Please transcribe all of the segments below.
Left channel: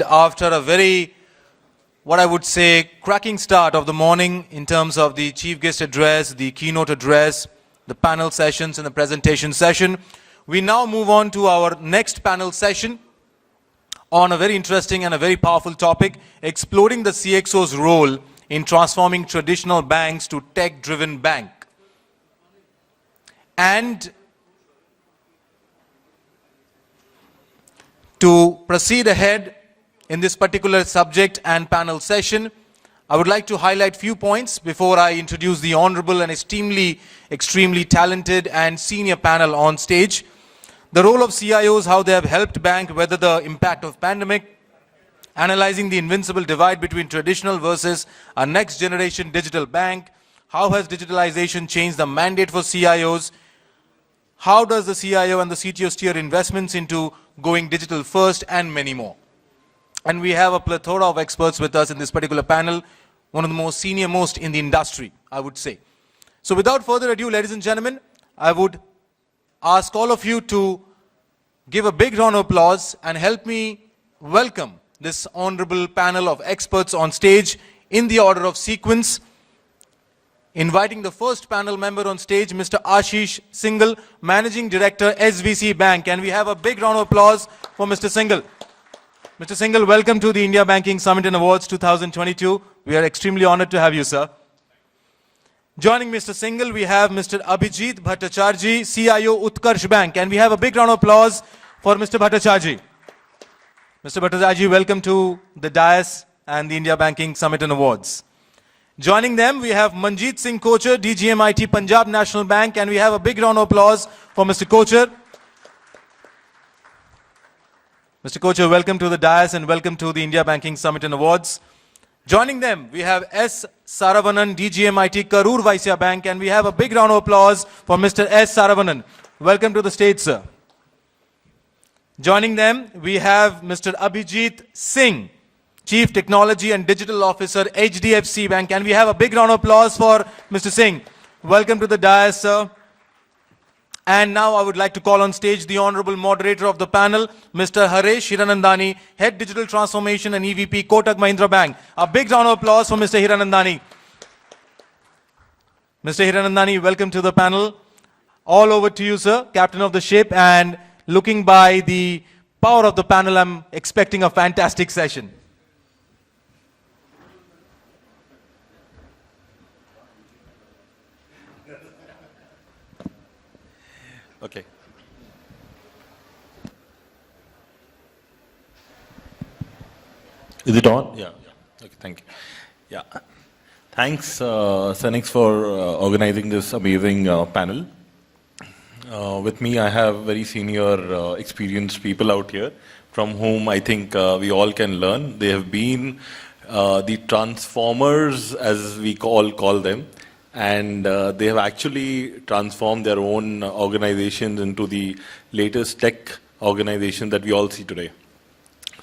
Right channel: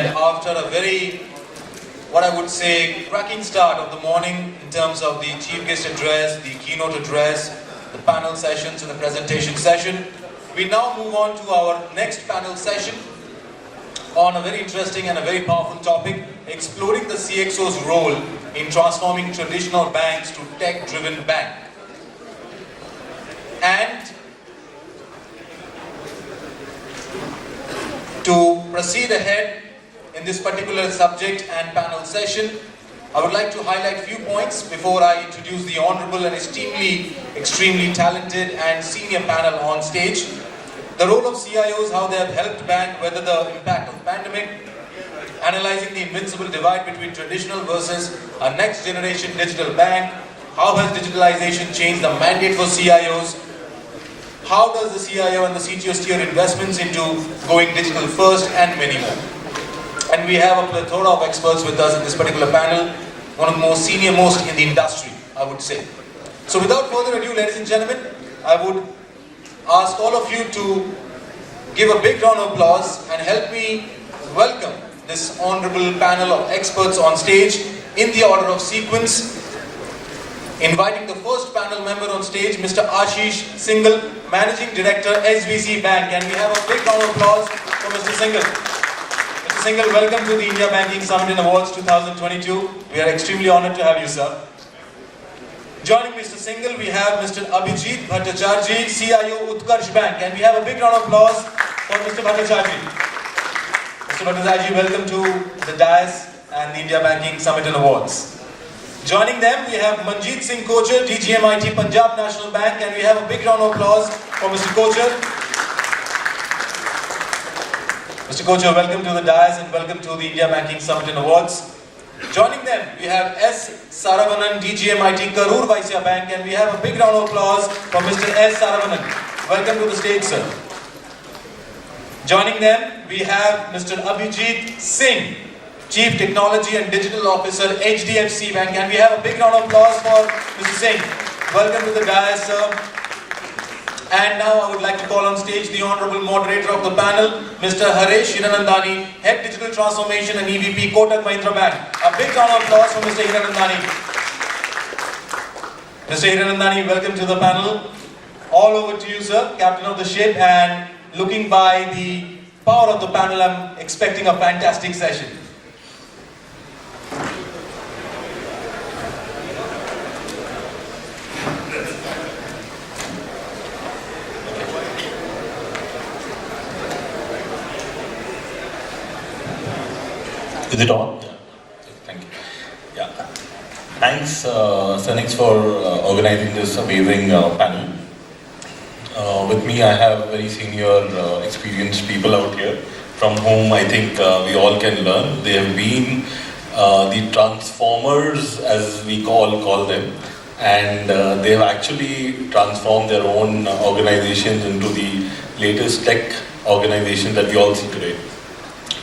And after a very, what I would say, cracking start of the morning in terms of the chief guest address, the keynote address, the panel sessions and the presentation session, we now move on to our next panel session on a very interesting and a very powerful topic, exploring the CXO's role in transforming traditional banks to tech-driven bank. And to proceed ahead in this particular subject and panel session, I would like to highlight few points before I introduce the honorable and extremely talented and senior panel on stage. The role of CIOs, how they have helped bank weather the impact of pandemic, analyzing the invincible divide between traditional versus a next generation digital bank, how has digitalization changed the mandate for CIOs, how does the CIO and the CTO steer investments into going digital first, and many more. And we have a plethora of experts with us in this particular panel, one of the most senior most in the industry, I would say. So without further ado, ladies and gentlemen, I would ask all of you to give a big round of applause and help me welcome this honorable panel of experts on stage in the order of sequence. Inviting the first panel member on stage, Mr. Ashish, Singhal, Managing Director, SBC Bank. And we have a big round of applause for Mr. Singhal. Mr. Singhal, welcome to the India Banking Summit and Awards 2022. We are extremely honored to have you, sir. Joining Mr. Singhal, we have Mr. Abhijit Bhattacharjee, CIO Utkarsh Bank. And we have a big round of applause for Mr. Bhattacharjee. Mr. Bhattacharjee, welcome to the dais and the India Banking Summit and Awards. Joining them, we have Manjit Singh Kochar, DGM-IT Punjab National Bank. And we have a big round of applause for Mr. Kochar. Mr. Kochar, welcome to the dais and welcome to the India Banking Summit and Awards. Joining them, we have SARAVANAN, DGM-IT Karur Vysya Bank. And we have a big round of applause for Mr. SARAVANAN. Welcome to the stage, sir. Joining them, we have Mr. Abhijit Singh, Chief Technology and Digital Officer, HDFC Bank. And we have a big round of applause for Mr. Singh. Welcome to the dais, sir. And now I would like to call on stage the honorable moderator of the panel, Mr. Haresh Hiranandani, Head Digital Transformation and EVP, Kotak Mahindra Bank. A big round of applause for Mr. Hiranandani. Mr. Hiranandani, welcome to the panel. All over to you, sir, captain of the ship, and looking by the power of the panel, I'm expecting a fantastic session. Is it on? Yeah. Thank you. Yeah. Thanks, Synnex, for organizing this amazing panel. With me, I have very senior, experienced people out here from whom I think we all can learn. They have been the transformers, as we call them, and they have actually transformed their own organizations into the latest tech organization that we all see today.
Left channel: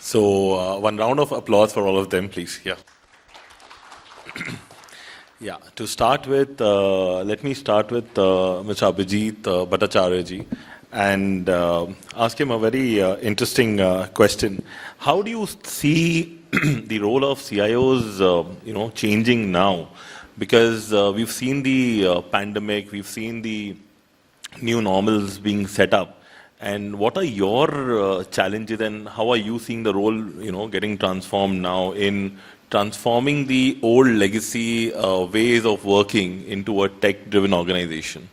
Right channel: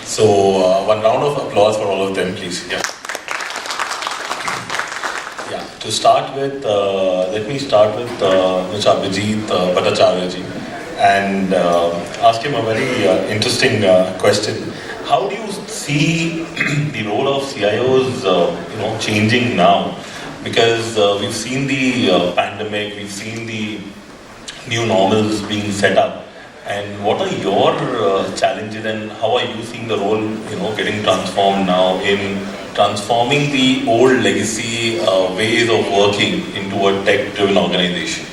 So, one round of applause for all of them, please. Yeah. To start with, let me start with Mr. Abhijit Bhattacharjee and ask him a very interesting question. How do you see the role of CIOs, changing now? Because we've seen the pandemic, we've seen the new models being set up. And what are your challenges and how are you seeing the role, getting transformed now in transforming the old legacy ways of working into a tech-driven organization?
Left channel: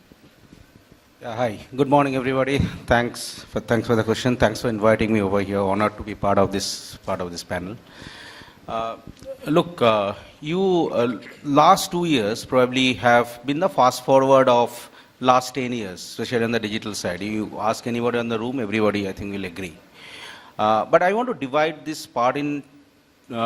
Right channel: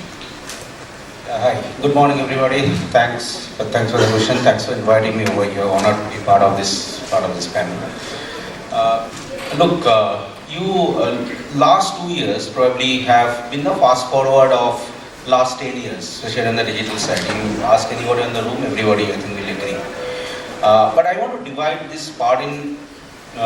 Hi, good morning, everybody. Thanks for the question. Thanks for inviting me over. You're honored to be part of this panel. Last 2 years probably have been the fast forward of last 10 years, especially on the digital side. You ask anyone in the room, everybody I think will agree. But I want to divide this part in 2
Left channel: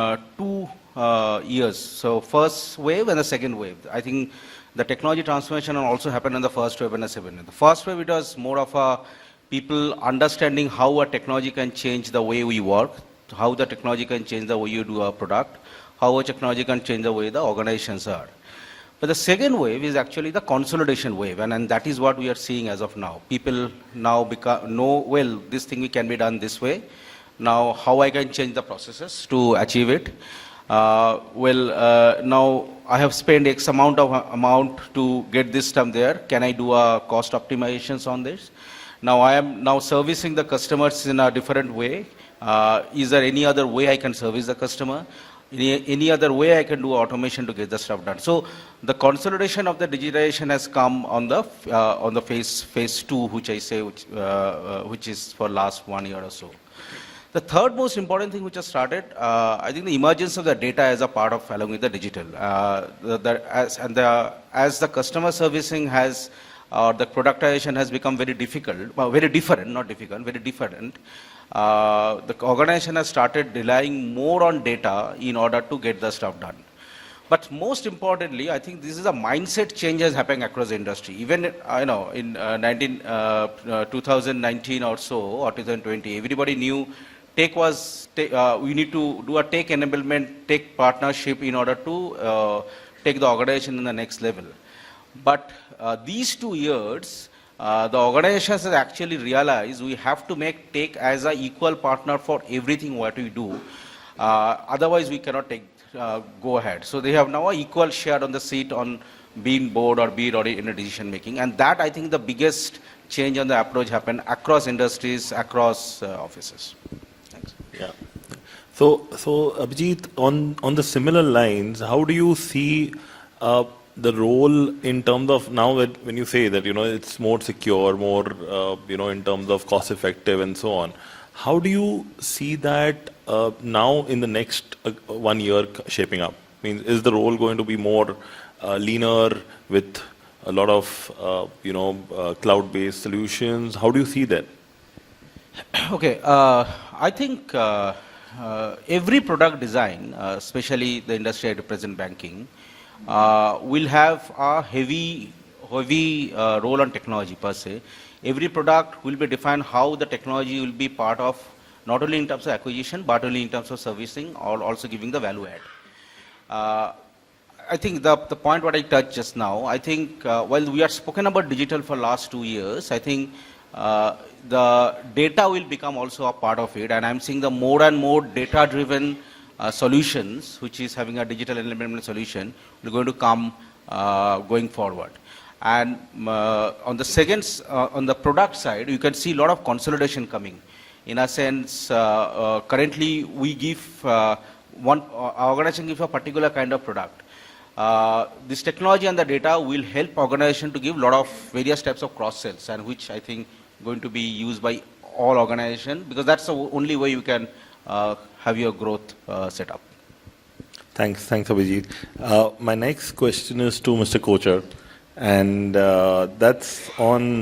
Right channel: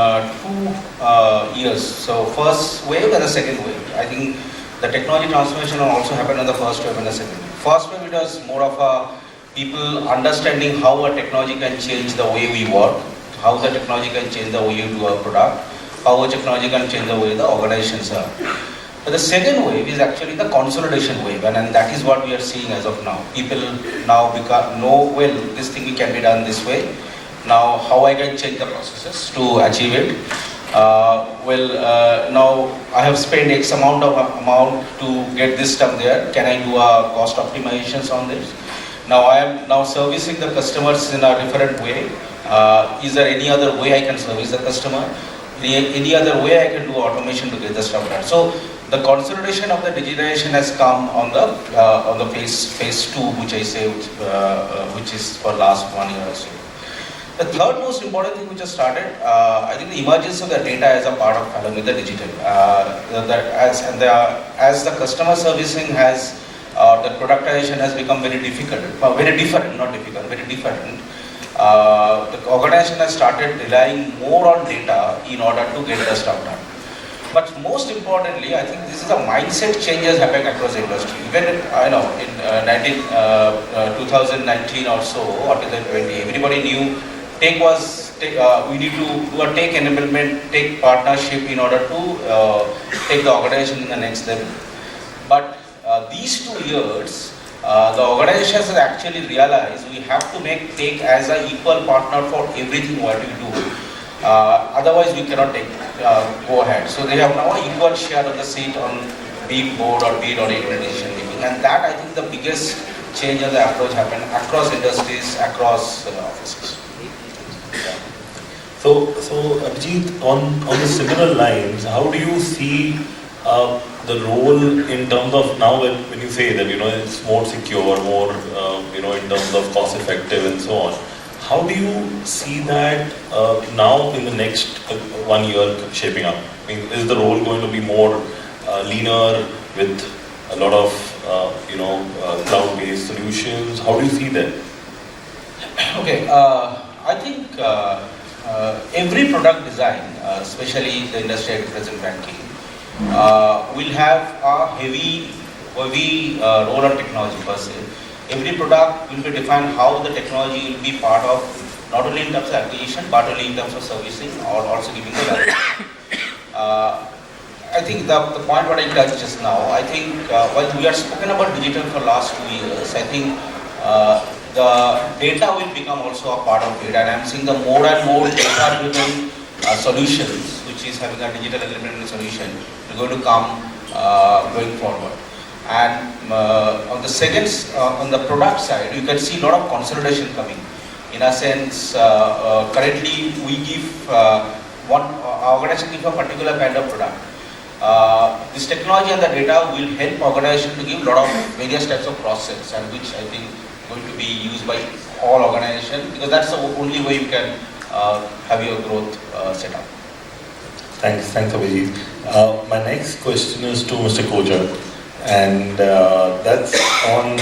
years. So first wave and the second wave. I think the technology transformation also happened in the first wave and the second wave. First wave, it was more of a people understanding how a technology can change the way we work, how the technology can change the way you do a product, how a technology can change the way the organizations are. The second wave is actually the consolidation wave, and that is what we are seeing as of now. People now know, well, this thing can be done this way. Now, how I can change the processes to achieve it? Now I have spent X amount to get this stuff there. Can I do a cost optimizations on this? Now I am now servicing the customers in a different way. Is there any other way I can service the customer? Any other way I can do automation to get the stuff done? So the consolidation of the digitization has come on the phase 2, which I say, which is for last 1 year or so. The third most important thing which has started, I think the emergence of the data as a part of along with the digital. As the customer servicing has, the productization has become very difficult, very different, not difficult, very different. The organization has started relying more on data in order to get the stuff done. But most importantly, I think this is a mindset changes happening across the industry. Even I know in 2019 or so, or 2020, everybody knew we need to do a tech enablement, tech partnership in order to take the organization in the next level. But these 2 years, the organization has actually realized we have to make tech as an equal partner for everything what we do. Otherwise, we cannot go ahead. So they have now an equal share of the seat on being board or being on implementation making. And that I think the biggest change in the approach happened across industries, across offices. So Abhijeet, on the similar lines, how do you see the role in terms of now when you say that it's more secure, more in terms of cost effective and so on? How do you see that now in the next 1 year shaping up? I mean, is the role going to be more leaner with a lot of cloud-based solutions? How do you see that? Okay, I think every product design, especially the industry at present banking, will have a heavy role of technology per se. Every product will be defined how the technology will be part of, not only in terms of acquisition, but only in terms of servicing or also giving the value. I think the point what I touched just now, I think while we have spoken about digital for the last 2 years, I think the data will become also a part of it, and I'm seeing the more and more data-driven solutions, which is having a digital element solution, is going to come going forward. And on the second, on the product side, you can see a lot of consolidation coming. In a sense, currently we give one organization give a particular kind of product. This technology and the data will help organization to give a lot of various types of process, and which I think going to be used by all organizations, because that's the only way you can have your growth set up. Thanks Abhijit. My next question is to Mr. Kochar, and that's on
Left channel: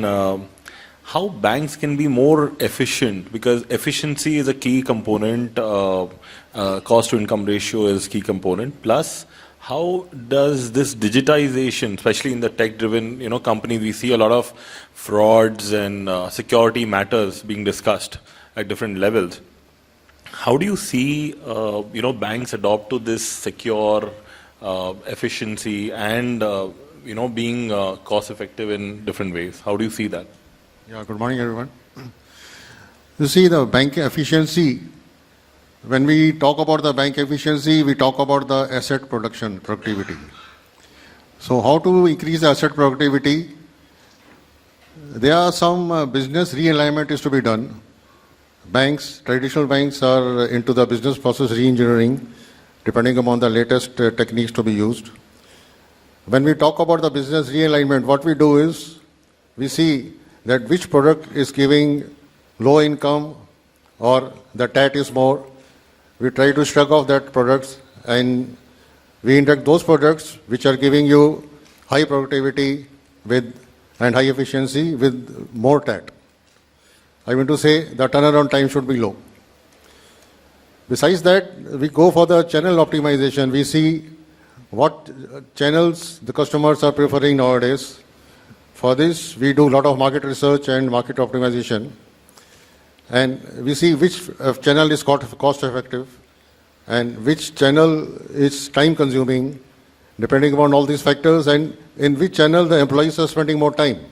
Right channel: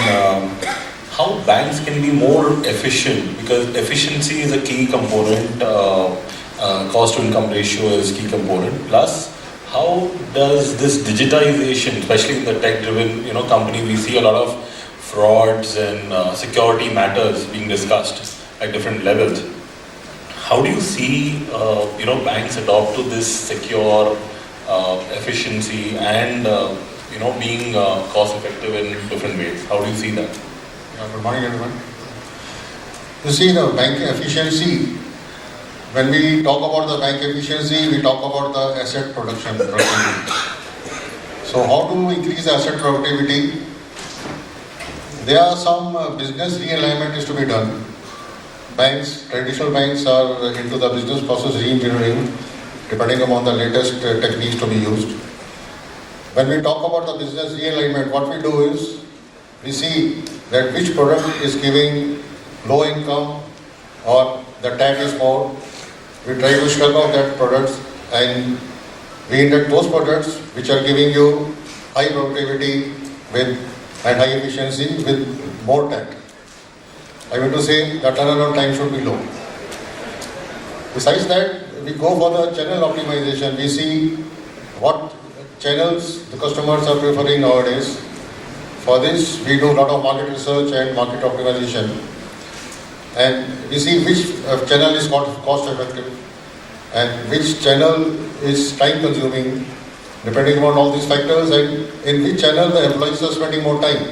how banks can be more efficient, because efficiency is a key component, cost to income ratio is a key component, plus how does this digitization, especially in the tech-driven company, we see a lot of frauds and security matters being discussed at different levels. How do you see banks adopt to this secure efficiency and being cost effective in different ways? How do you see that? Good morning, everyone. You see, the banking efficiency, when we talk about the bank efficiency, we talk about the asset productivity. So how to increase asset productivity? There are some business realignment is to be done. Banks, traditional banks are into the business process re-engineering, depending upon the latest techniques to be used. When we talk about the business realignment, what we do is, we see that which product is giving low income or the tag is more. We try to shut off that products and we index those products which are giving you high productivity with and high efficiency with more tag. I want to say the turnaround time should be low. Besides that, we go for the channel optimization. We see what channels the customers are preferring nowadays. For this, we do a lot of market research and market optimization. And we see which channel is cost effective and which channel is time consuming, depending on all these factors, and in which channel the employees are spending more time.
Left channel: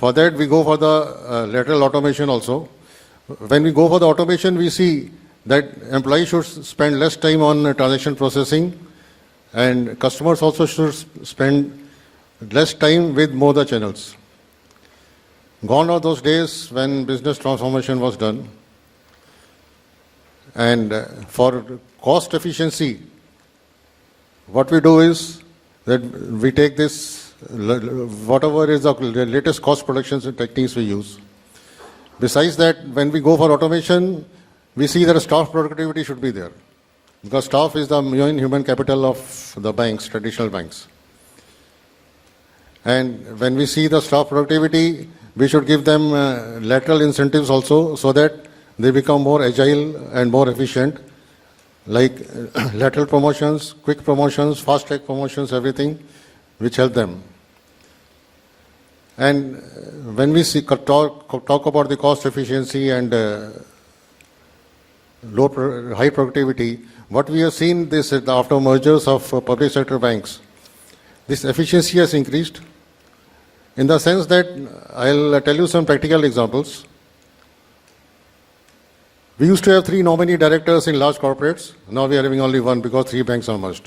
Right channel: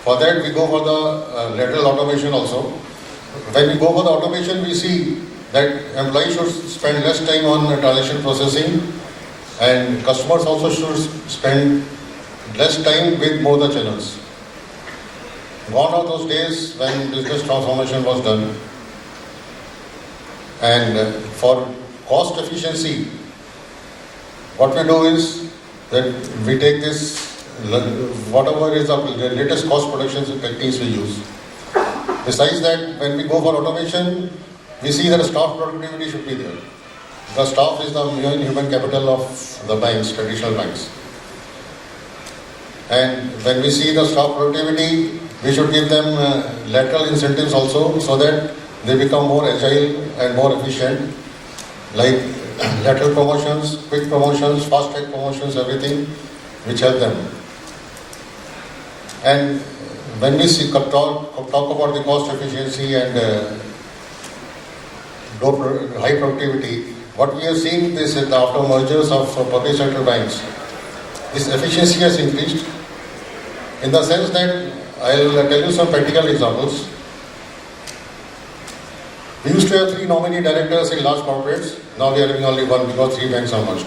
For that, we go for the lateral automation also. when we go for the automation, we see that employees should spend less time on transaction processing, and customers also should spend less time with more the channels. Gone are those days when business transformation was done. And for cost efficiency, what we do is that we take this, whatever is the latest cost production techniques we use. Besides that, when we go for automation, we see that staff productivity should be there. Because staff is the human capital of the banks, traditional banks. And when we see the staff productivity, we should give them lateral incentives also, so that they become more agile and more efficient, like lateral promotions, quick promotions, fast track promotions, everything which help them. And when we see talk about the cost efficiency and high productivity, what we are seeing is that after mergers of public sector banks, this efficiency has increased in the sense that I'll tell you some practical examples. We used to have 3 nominee directors in large corporates. Now we are having only 1 because 3 banks are merged.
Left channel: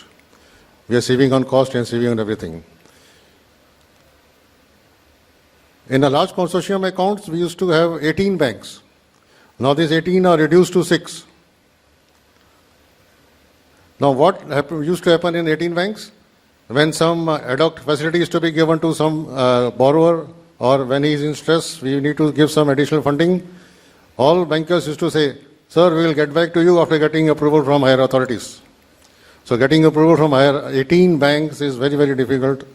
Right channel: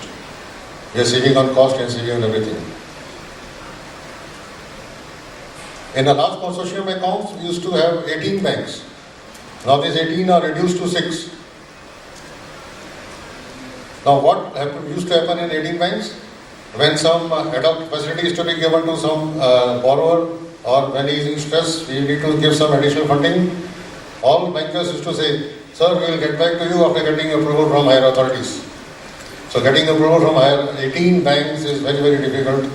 We are saving on cost and saving on everything. In a large consortium accounts, we used to have 18 banks. Now these 18 are reduced to 6. Now what used to happen in 18 banks? When some ad hoc facilities to be given to some borrower, or when he is in stress, we need to give some additional funding. All bankers used to say, sir, we will get back to you after getting approval from higher authorities. So getting approval from higher 18 banks is very, very difficult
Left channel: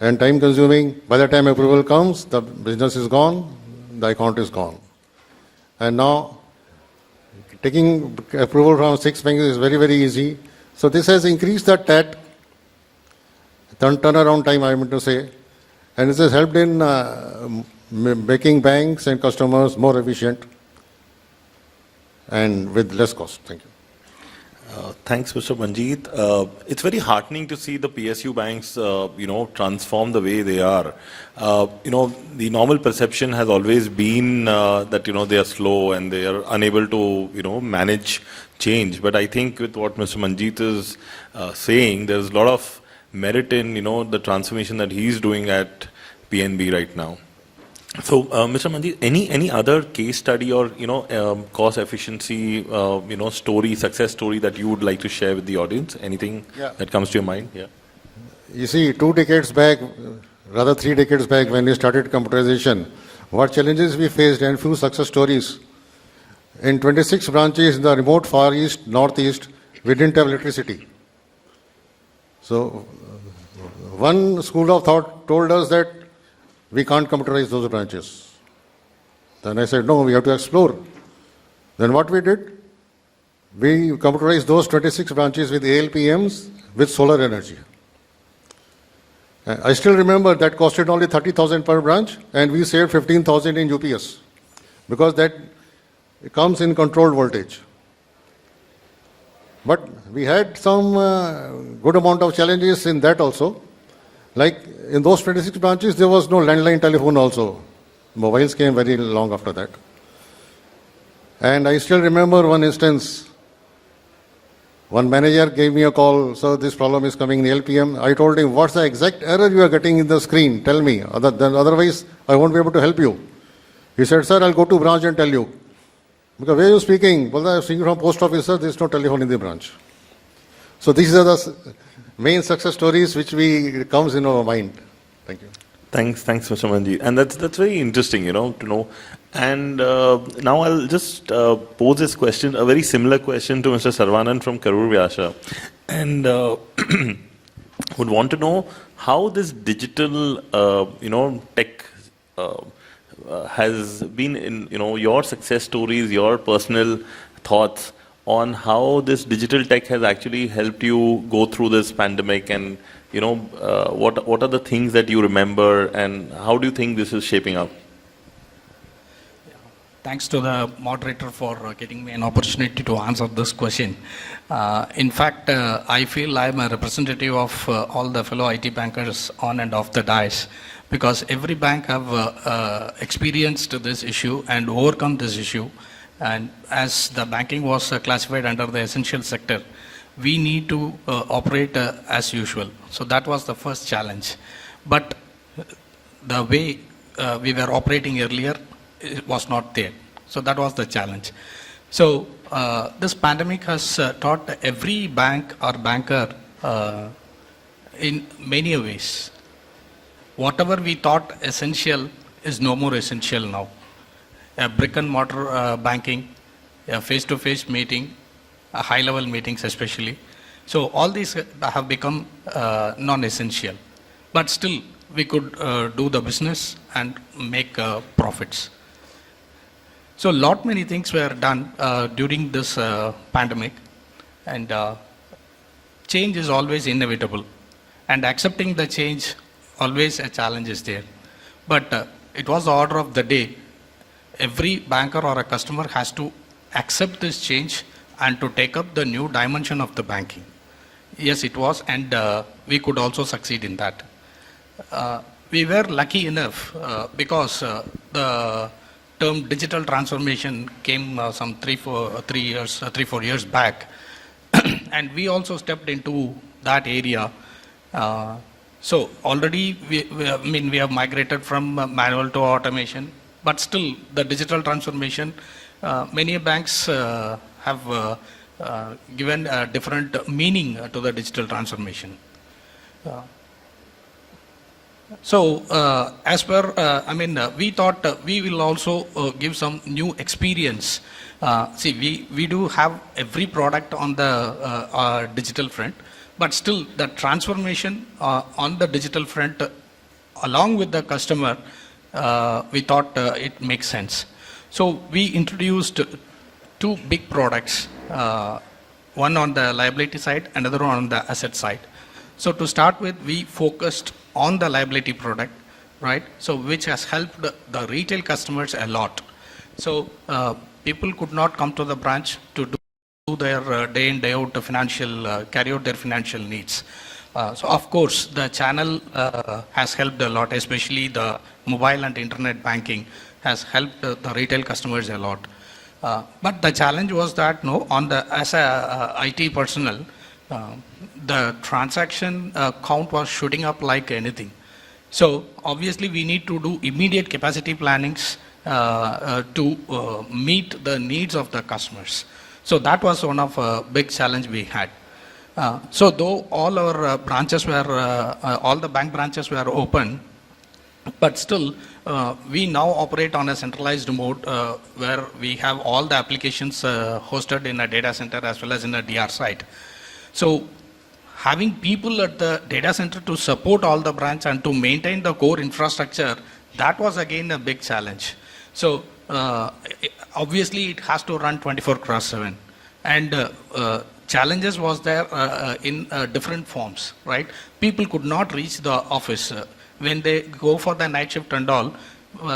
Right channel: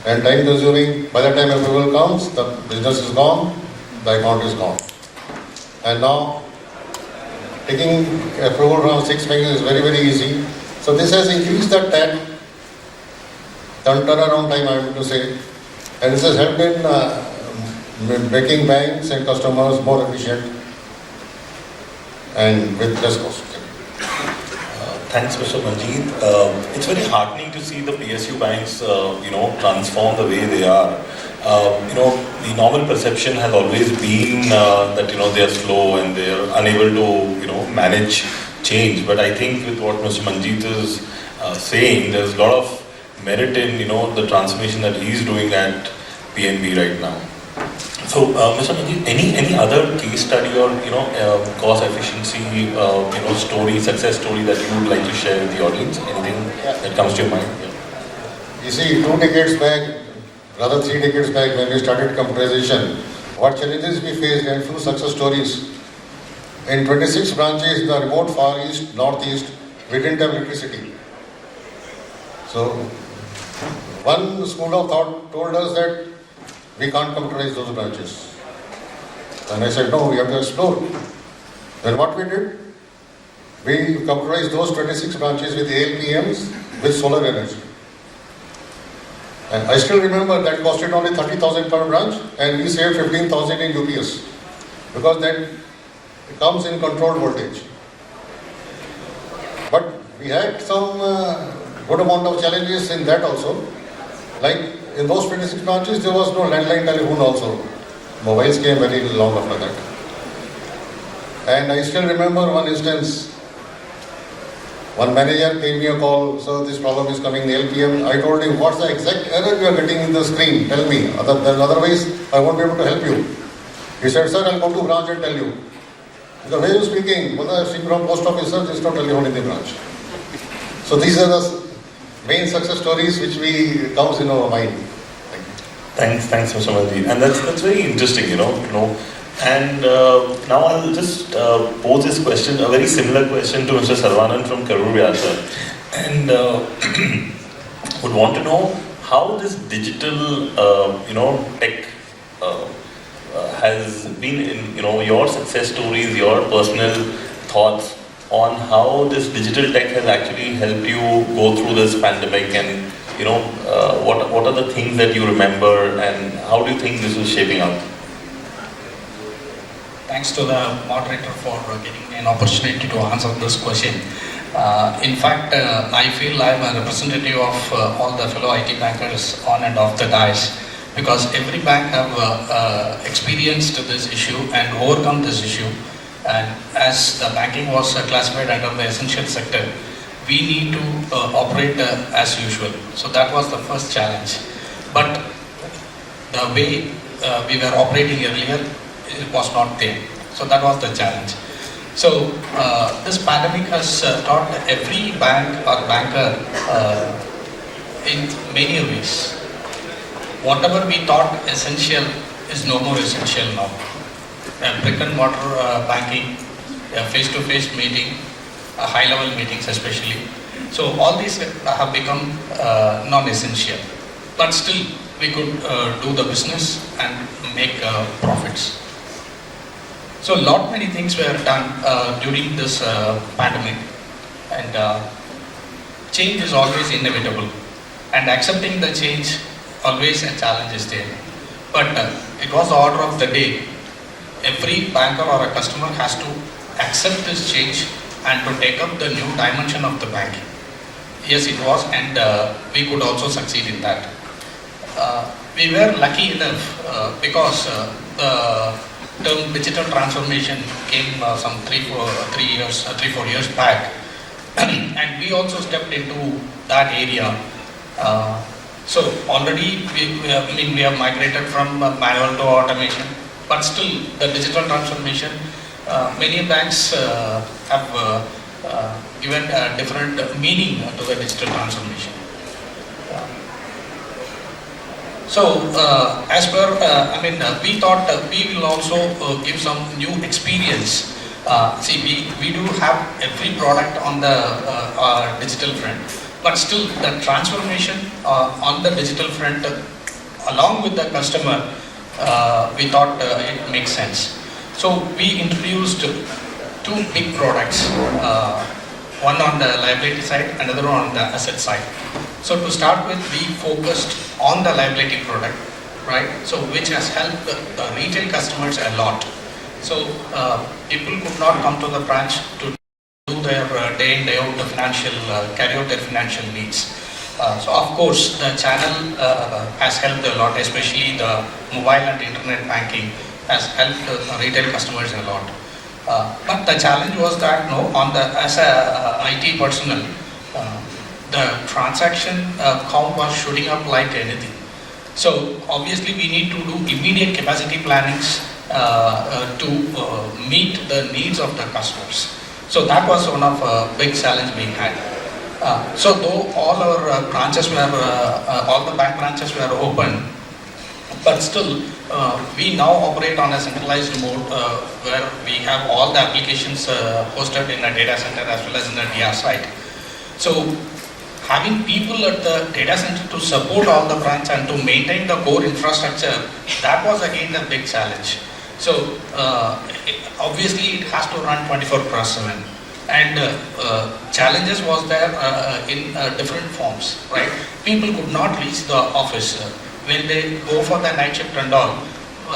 and time consuming. By the time approval comes, the business is gone, the account is gone. And now, taking approval from 6 banks is very, very easy. So this has increased the TAT, turnaround time, I am to say. And this has helped in making banks and customers more efficient and with less cost. Thanks, Mr. Manjit. It's very heartening to see the PSU banks, transform the way they are. The normal perception has always been that they are slow and they are unable to manage change. But I think with what Mr. Manjit is saying, there's a lot of merit in the transformation that he's doing at PNB right now. So, Mr. Manjit, any other case study or cost efficiency story, success story that you would like to share with the audience? Anything that comes to your mind? You see, 2 decades back, rather 3 decades back, when we started computerization, what challenges we faced and few success stories. In 26 branches in the remote Far East, Northeast, we didn't have electricity. So, one school of thought told us that we can't computerize those branches. And I said, no, we have to explore. Then what we did? We computerized those 26 branches with APMs with solar energy. And I still remember that costed only 30,000 per branch and we saved 15,000 in UPS because that comes in controlled voltage. But we had some good amount of challenges in that also. Like in those 26 branches, there was no landline telephone also. Mobiles came very long after that. And I still remember one instance. One manager gave me a call, so this problem is coming in the LPM. I told him, what's the exact error you are getting in the screen? Tell me, otherwise I won't be able to help you. He said, sir, I'll go to branch and tell you. The way you're speaking, well, I've seen from post office, sir, there's no telephone in the branch. So these are the main success stories which comes in our mind. Thanks, Mr. Manjit. And that's very interesting, And now I'll just pose this question, a very similar question to Mr. SARAVANAN from Karur. And would want to know how this digital, tech has been in, your success stories, your personal thoughts on how this digital tech has actually helped you go through this pandemic, and what are the things that you remember, and how do you think this is shaping up? Thanks to the moderator for giving me an opportunity to answer this question. In fact, I feel I am a representative of all the fellow IT bankers on and off the dais, because every bank have experienced this issue and overcome this issue. And as the banking was classified under the essential sector, we need to operate as usual. So that was the first challenge. But the way we were operating earlier, it was not there. So that was the challenge. So this pandemic has taught every bank or banker in many ways. Whatever we thought essential is no more essential now. Brick and mortar banking, face-to-face meeting, high-level meetings especially. So all these have become non-essential. But still, we could do the business and make profits. So many things were done during this pandemic, and change is always inevitable. And accepting the change, always a challenge is there. But it was the order of the day. Every banker or a customer has to accept this change and to take up the new dimension of the banking. Yes, it was, and we could also succeed in that. We were lucky enough because the term digital transformation came some 3-4 years back, and we also stepped into that area. So already we have migrated from manual to automation, but still the digital transformation, many banks have given a different meaning to the digital transformation. So, as per, we thought we will also give some new experience. See, we do have every product on the digital front, but still the transformation on the digital front, along with the customer, we thought it makes sense. So, we introduced two big products, one on the liability side, another one on the asset side. So to start with, we focused on the liability product, right? So which has helped the retail customers a lot. So people could not come to the branch to do their day in, day out carry out their financial needs. So of course, the channel has helped a lot, especially the mobile and internet banking has helped the retail customers a lot. But the challenge was that as a IT personnel, the transaction count was shooting up like anything. So obviously we need to do immediate capacity plannings to meet the needs of the customers. So that was one of the big challenge we had. So though all our branches were, all the bank branches were open, but still we now operate on a centralized mode where we have all the applications hosted in a data center as well as in the DR site. So having people at the data center to support all the branches and to maintain the core infrastructure, that was again a big challenge. So obviously it has to run 24/7, and challenges was there in different forms, right? People could not reach the office when they go for the night shift and all.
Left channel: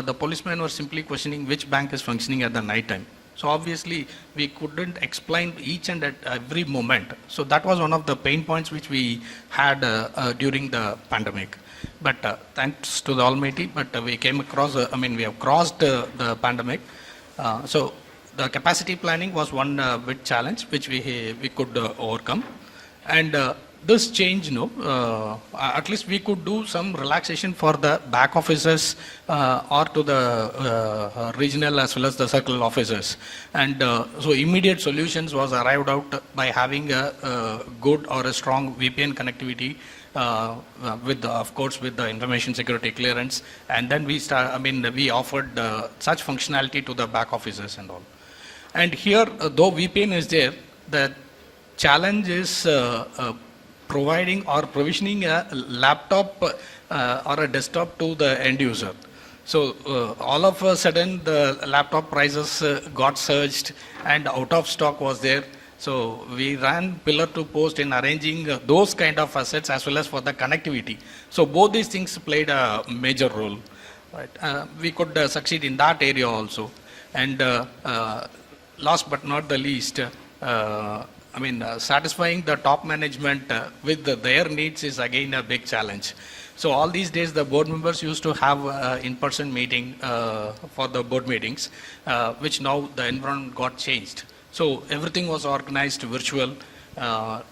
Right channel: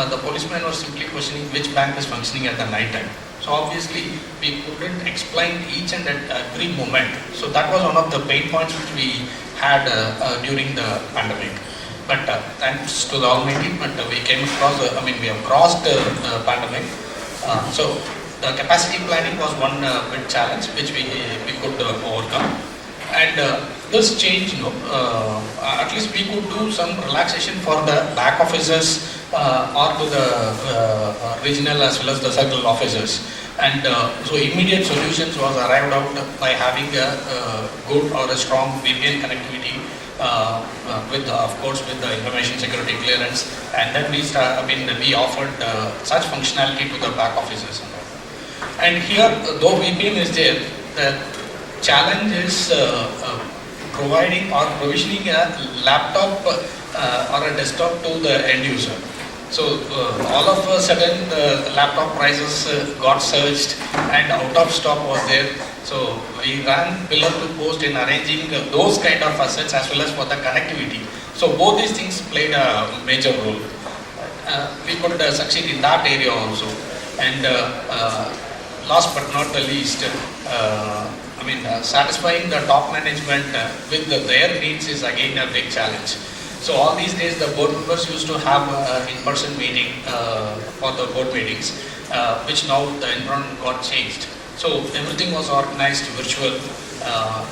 The policemen were simply questioning which bank is functioning at the night time. So obviously we couldn't explain each and every moment. So that was one of the pain points which we had during the pandemic. But thanks to the Almighty, we came across, we have crossed the pandemic. So the capacity planning was one big challenge which we could overcome. And this change, at least we could do some relaxation for the back offices or to the regional as well as the circle offices. And so immediate solutions was arrived out by having a good or a strong VPN connectivity with, of course, with the information security clearance. And then we offered such functionality to the back offices. And here, though VPN is there, the challenge is providing or provisioning a laptop or a desktop to the end user. So all of a sudden the laptop prices got surged and out of stock was there. So we ran pillar to post in arranging those kind of assets as well as for the connectivity. So both these things played a major role. We could succeed in that area also. And last but not the least, satisfying the top management with their needs is again a big challenge. So all these days the board members used to have in-person meeting for the board meetings. which now the environment got changed. So everything was organized virtual.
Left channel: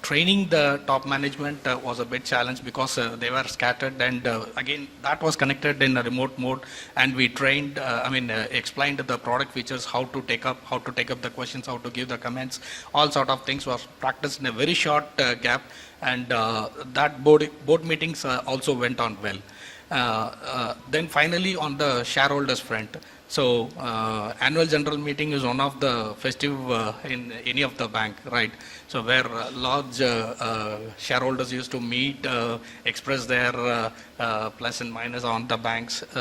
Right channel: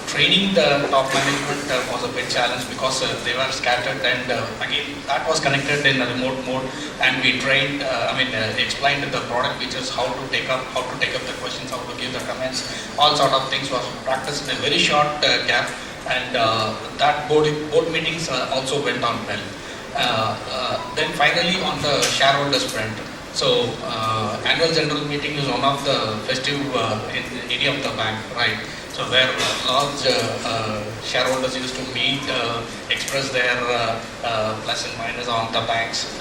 Training the top management was a big challenge because they were scattered, and again that was connected in a remote mode, and we trained, explained the product features, how to take up the questions, how to give the comments, all sort of things was practiced in a very short gap, and that board meetings also went on well. Then finally on the shareholder sprint. So annual general meeting is one of the festive in any of the bank, right? So where large shareholders used to meet, express their plus and minus on the banks.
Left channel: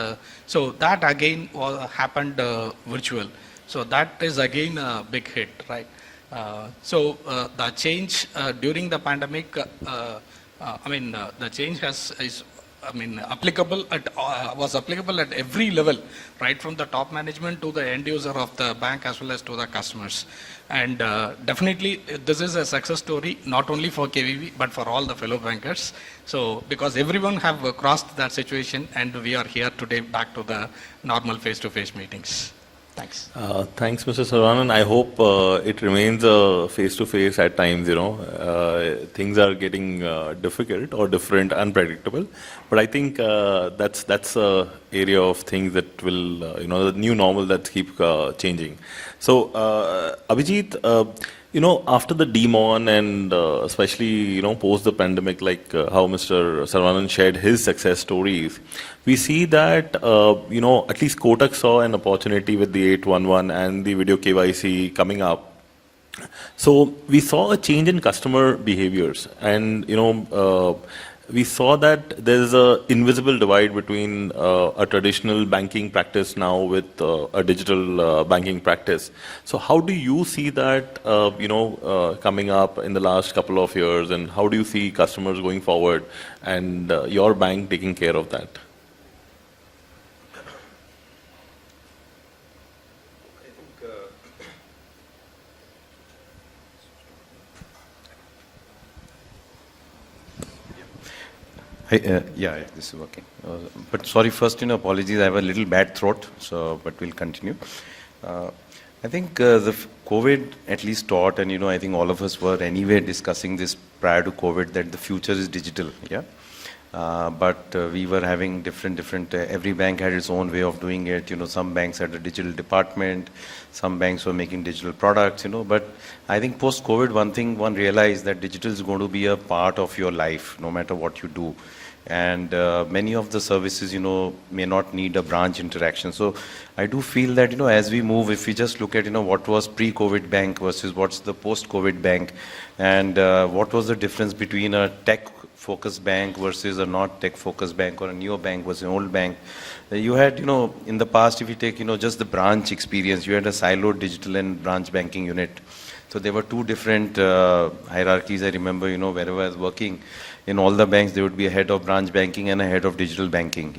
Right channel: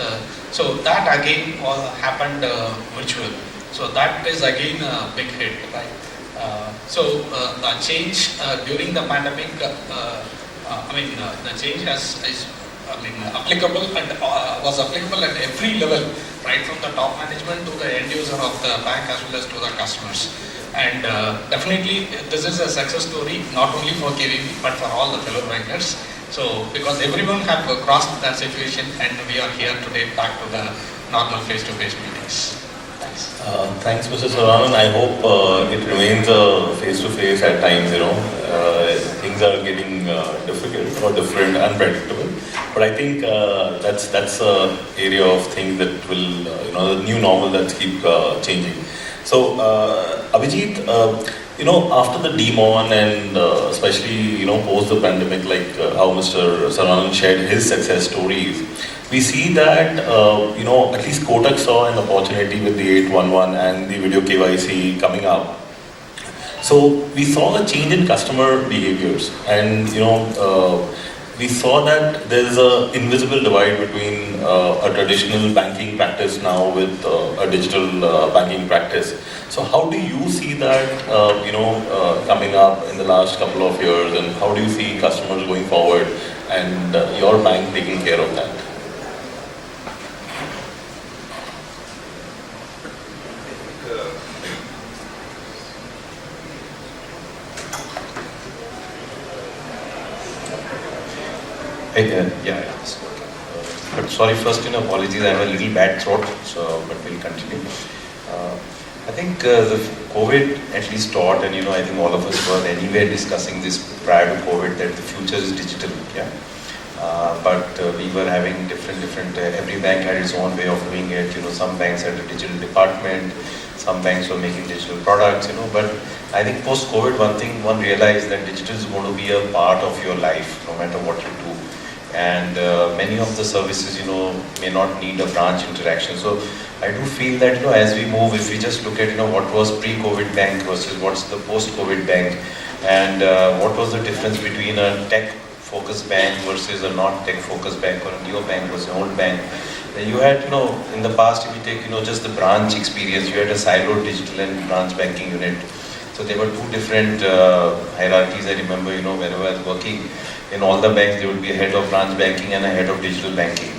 So that again happened virtual. So that is again a big hit, right? So the change during the pandemic, the change is applicable and was applicable at every level, right, from the top management to the end user of the bank as well as to the customers. And definitely this is a success story not only for KVB but for all the fellow bankers. So because everyone have crossed that situation, and we are here today back to the normal face-to-face meetings. Thanks. Thanks, Mr. Saravanan. I hope it remains face-to-face at times. Things are getting difficult or different, unpredictable. But I think that's an area of things that will, the new normal that keep changing. So, Abhijit, after the demon and especially, post the pandemic, like how Mr. Saravanan shared his success stories, we see that, at least Kotak saw an opportunity with the 811 and the video KYC coming up. So, we saw a change in customer behaviors, and, we saw that there's an invisible divide between a traditional banking practice now with a digital banking practice. So how do you see that, coming up in the last couple of years, and how do you see customers going forward and your bank taking care of that? But sorry, first, apologies, I have a little bad throat, but we'll continue. I think the COVID at least taught, and I think all of us were anyway discussing this prior to COVID, that the future is digital. But we were having different, every bank had its own way of doing it. Some banks had a digital department, some banks were making digital products, but I think post-COVID, one realized that digital is going to be a part of your life, no matter what you do. And many of the services, may not need a branch interaction. So I do feel that, as we move, if we just look at, what was pre-COVID bank versus what's the post-COVID bank, and what was the difference between a tech-focused bank versus a non-tech-focused bank, or a new bank versus an old bank. You had, in the past, if you take, just the branch experience, you had a siloed digital and branch banking unit. So there were two different hierarchies, I remember, where I was working. In all the banks, there would be a head of branch banking and a head of digital banking.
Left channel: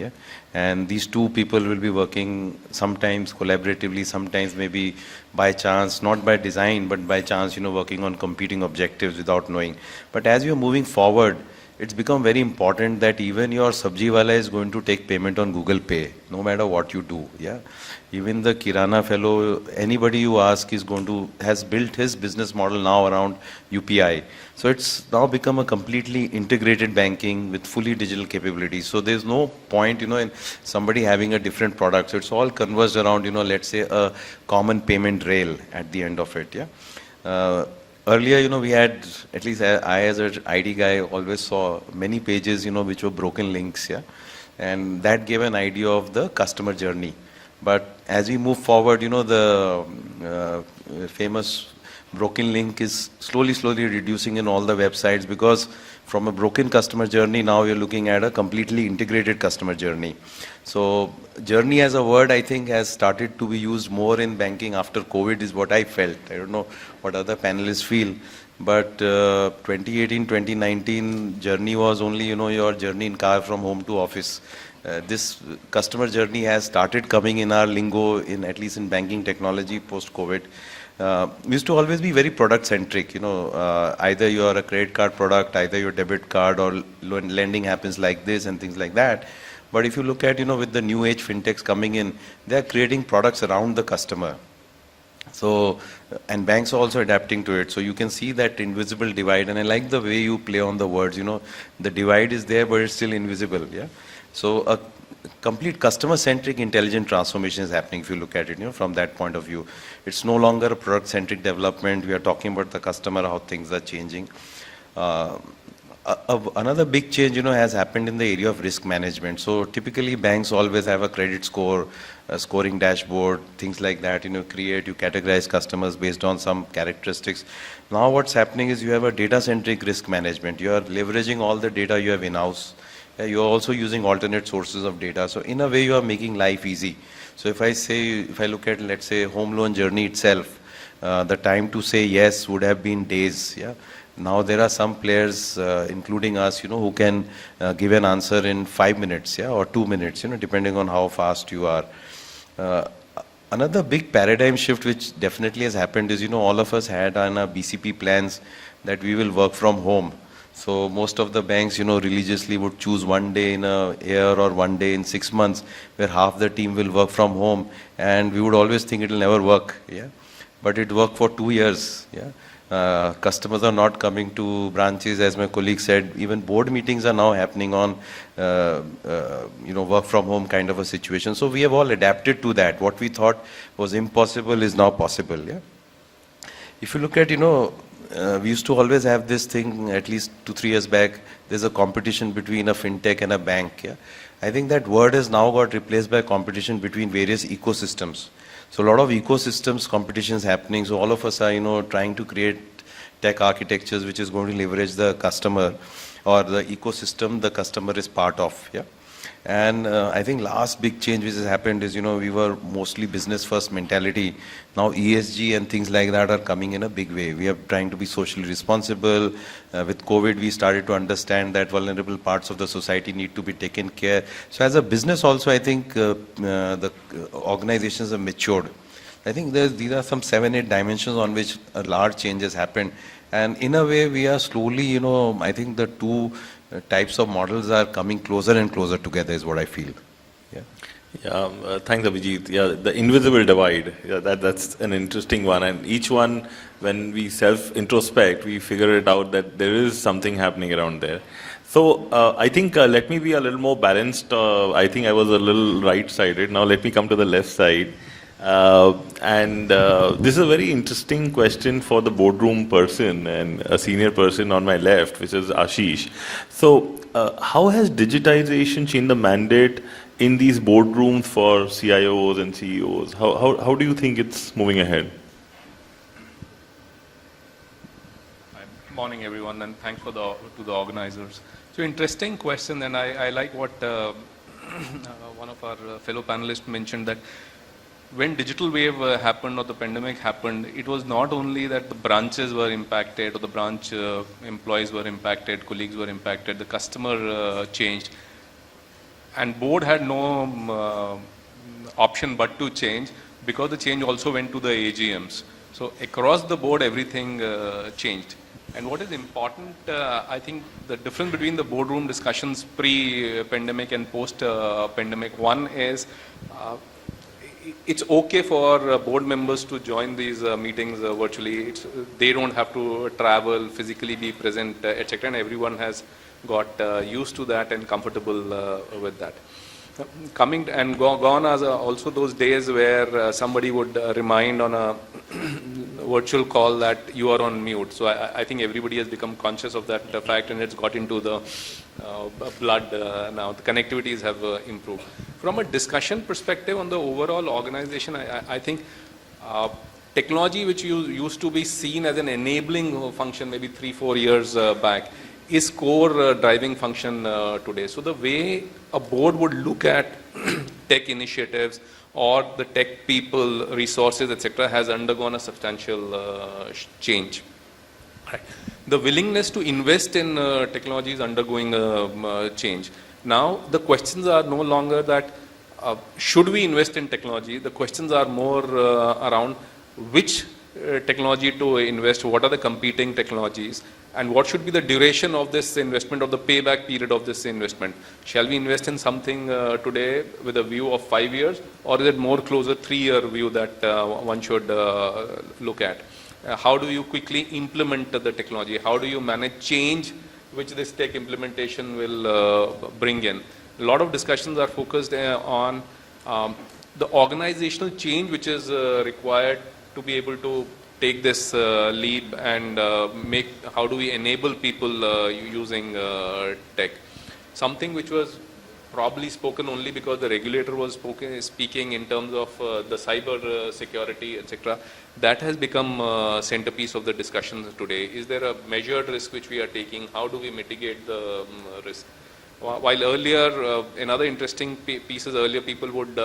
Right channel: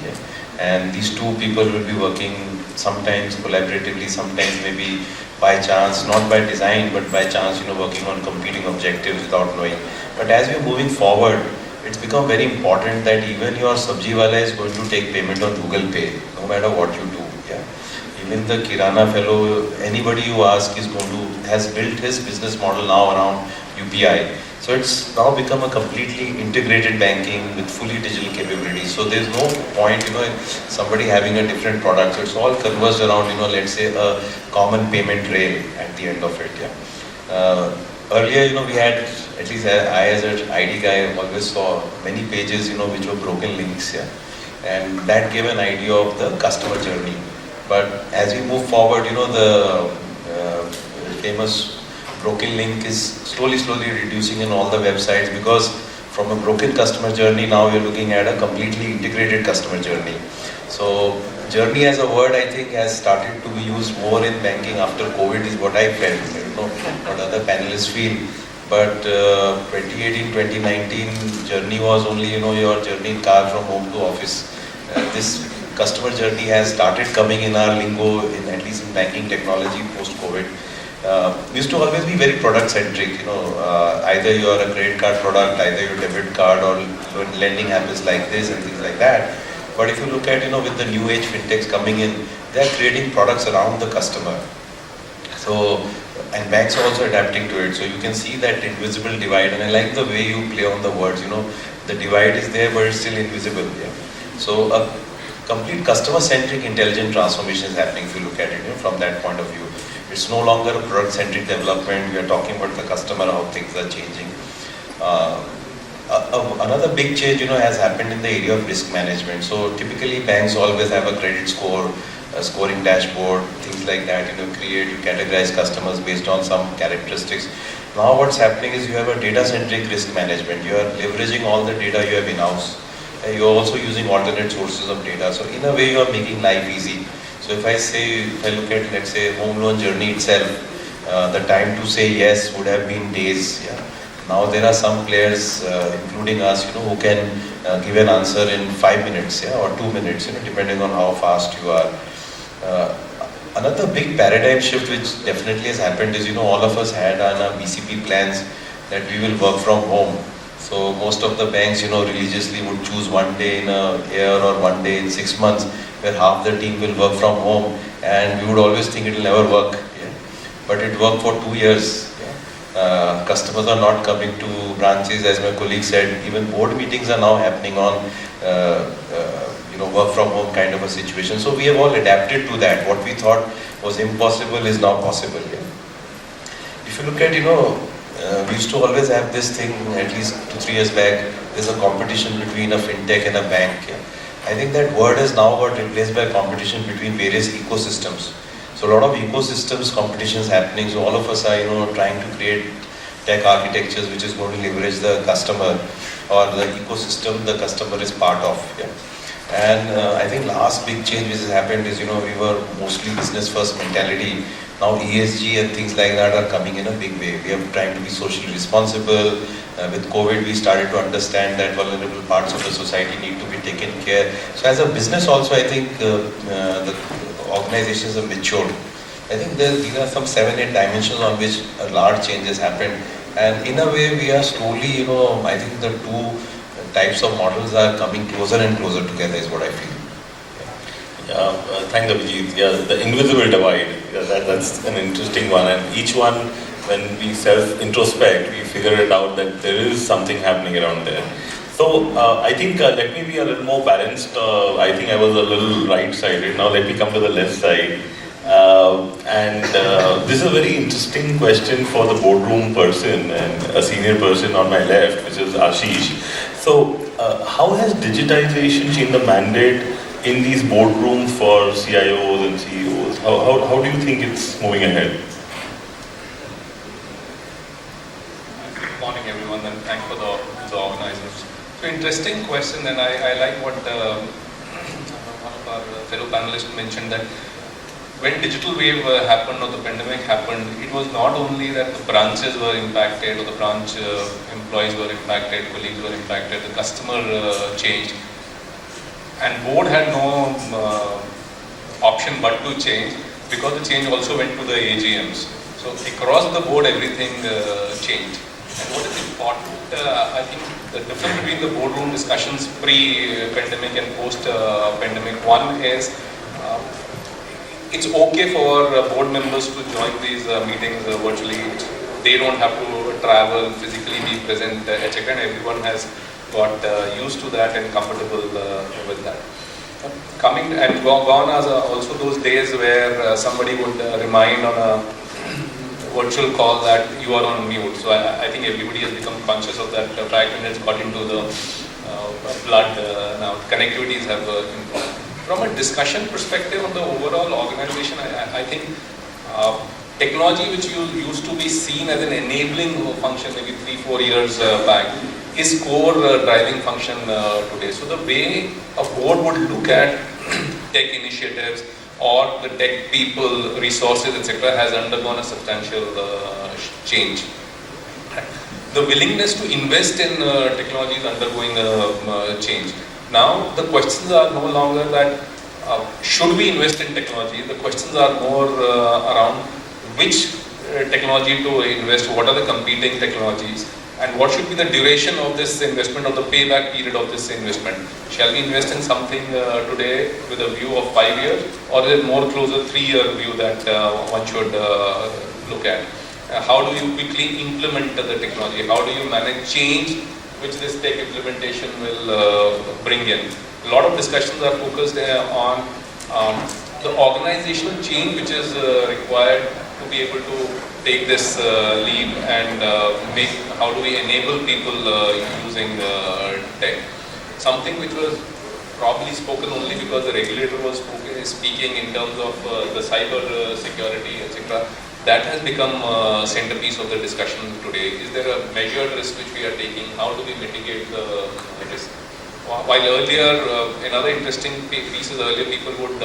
And these two people will be working sometimes collaboratively, sometimes maybe by chance, not by design, but by chance, working on competing objectives without knowing. But as we're moving forward, it's become very important that even your sabjiwala is going to take payment on Google Pay, no matter what you do. Even the Kirana fellow, anybody who asks has built this business model now around UPI. So it's now become a completely integrated banking with fully digital capabilities. So there's no point, somebody having a different product. So it's all converged around, let's say a common payment rail at the end of it. Earlier, we had, at least I as an ID guy always saw many pages, which were broken links. And that gave an idea of the customer journey. But as we move forward, the famous broken link is slowly reducing in all the websites, because from a broken customer journey, now you're looking at a completely integrated customer journey. So journey as a word, I think, has started to be used more in banking after COVID, is what I felt. I don't know what other panelists feel. But 2018, 2019 journey was only, your journey car from home to office. This customer journey has started coming in our lingo, at least in banking technology post-COVID. We used to always be very product-centric. Either you are a credit card product, either your debit card, or lending happens like this and things like that. But if you look at, with the new age fintechs coming in, they are creating products around the customer. So, and banks are also adapting to it. So you can see that invisible divide. And I like the way you play on the words. The divide is there, but it's still invisible. Yeah. So a complete customer-centric intelligent transformation is happening if you look at it from that point of view. It's no longer product-centric development. We are talking about the customer, how things are changing. Another big change, has happened in the area of risk management. So typically banks always have a credit score, a scoring dashboard, things like that. You categorize customers based on some characteristics. Now what's happening is you have a data-centric risk management. You are leveraging all the data you have in-house. You're also using alternate sources of data. So in a way, you are making life easy. So if I look at, let's say, home loan journey itself, the time to say yes would have been days. Yeah. Now there are some players, including us, who can give an answer in 5 minutes, or 2 minutes, depending on how fast you are. Another big paradigm shift which definitely has happened is, all of us had on our BCP plans that we will work from home. So most of the banks, religiously would choose one day in a year or one day in 6 months where half the team will work from home, and we would always think it will never work. Yeah. But it worked for 2 years. Yeah. Customers are not coming to branches, as my colleague said. Even board meetings are now happening on work from home kind of a situation. So we have all adapted to that. What we thought was impossible is now possible. Yeah. If you look at, we used to always have this thing, at least 2-3 years back, there's a competition between a fintech and a bank. Yeah. I think that word has now got replaced by competition between various ecosystems. So a lot of ecosystems competition is happening. So all of us are, trying to create tech architectures which is going to leverage the customer or the ecosystem the customer is part of. Yeah. And I think last big change which has happened is, we were mostly business first mentality. Now ESG and things like that are coming in a big way. We are trying to be socially responsible. With COVID, we started to understand that vulnerable parts of the society need to be taken care. So as a business also, I think the organizations have matured. I think these are some 7-8 dimensions on which a large change has happened. And in a way, we are slowly, I think the two types of models are coming closer and closer together is what I feel. Thanks, Abhijit. Yeah, the invisible divide, that's an interesting one. And each one, when we self-introspect, we figure it out that there is something happening around there. So I think let me be a little more balanced. I think I was a little right-sided. Now let me come to the left side. This is a very interesting question for the boardroom person and a senior person on my left, which is Ashish. So how has digitization changed the mandate in these boardrooms for CIOs and CEOs? How do you think it's moving ahead? Good morning, everyone, and thanks to the organizers. So interesting question, and I like what one of our fellow panelists mentioned, that when digital wave happened or the pandemic happened, it was not only that the branches were impacted or the branch employees were impacted, colleagues were impacted, the customer changed. And board had no option but to change, because the change also went to the AGMs. So across the board, everything changed. And what is important, I think the difference between the boardroom discussions pre-pandemic and post-pandemic, one is it's okay for board members to join these meetings virtually. They don't have to travel, physically be present, etc. And everyone has got used to that and comfortable with that. Coming and gone are also those days where somebody would remind on a virtual call that you are on mute. So I think everybody has become conscious of that fact, and it's got into the blood. Now connectivities have improved. From a discussion perspective on the overall organization, I think technology, which used to be seen as an enabling function maybe 3-4 years back, is core driving function today. So the way a board would look at tech initiatives or the tech people, resources, etc., has undergone a substantial change. The willingness to invest in technology is undergoing a change. Now the questions are no longer that should we invest in technology. The questions are more around which technology to invest, what are the competing technologies, And what should be the duration of this investment or the payback period of this investment? Shall we invest in something today with a view of 5 years, or is it more closer 3-year view that one should look at? How do you quickly implement the technology? How do you manage change which this tech implementation will bring in? A lot of discussions are focused on the organizational change which is required to be able to take this leap and how do we enable people using tech. Something which was probably spoken only because the regulator was speaking in terms of the cyber security, etc. That has become centerpiece of the discussion today. Is there a measured risk which we are taking? How do we mitigate the risk? While earlier, in other interesting pieces, earlier people would,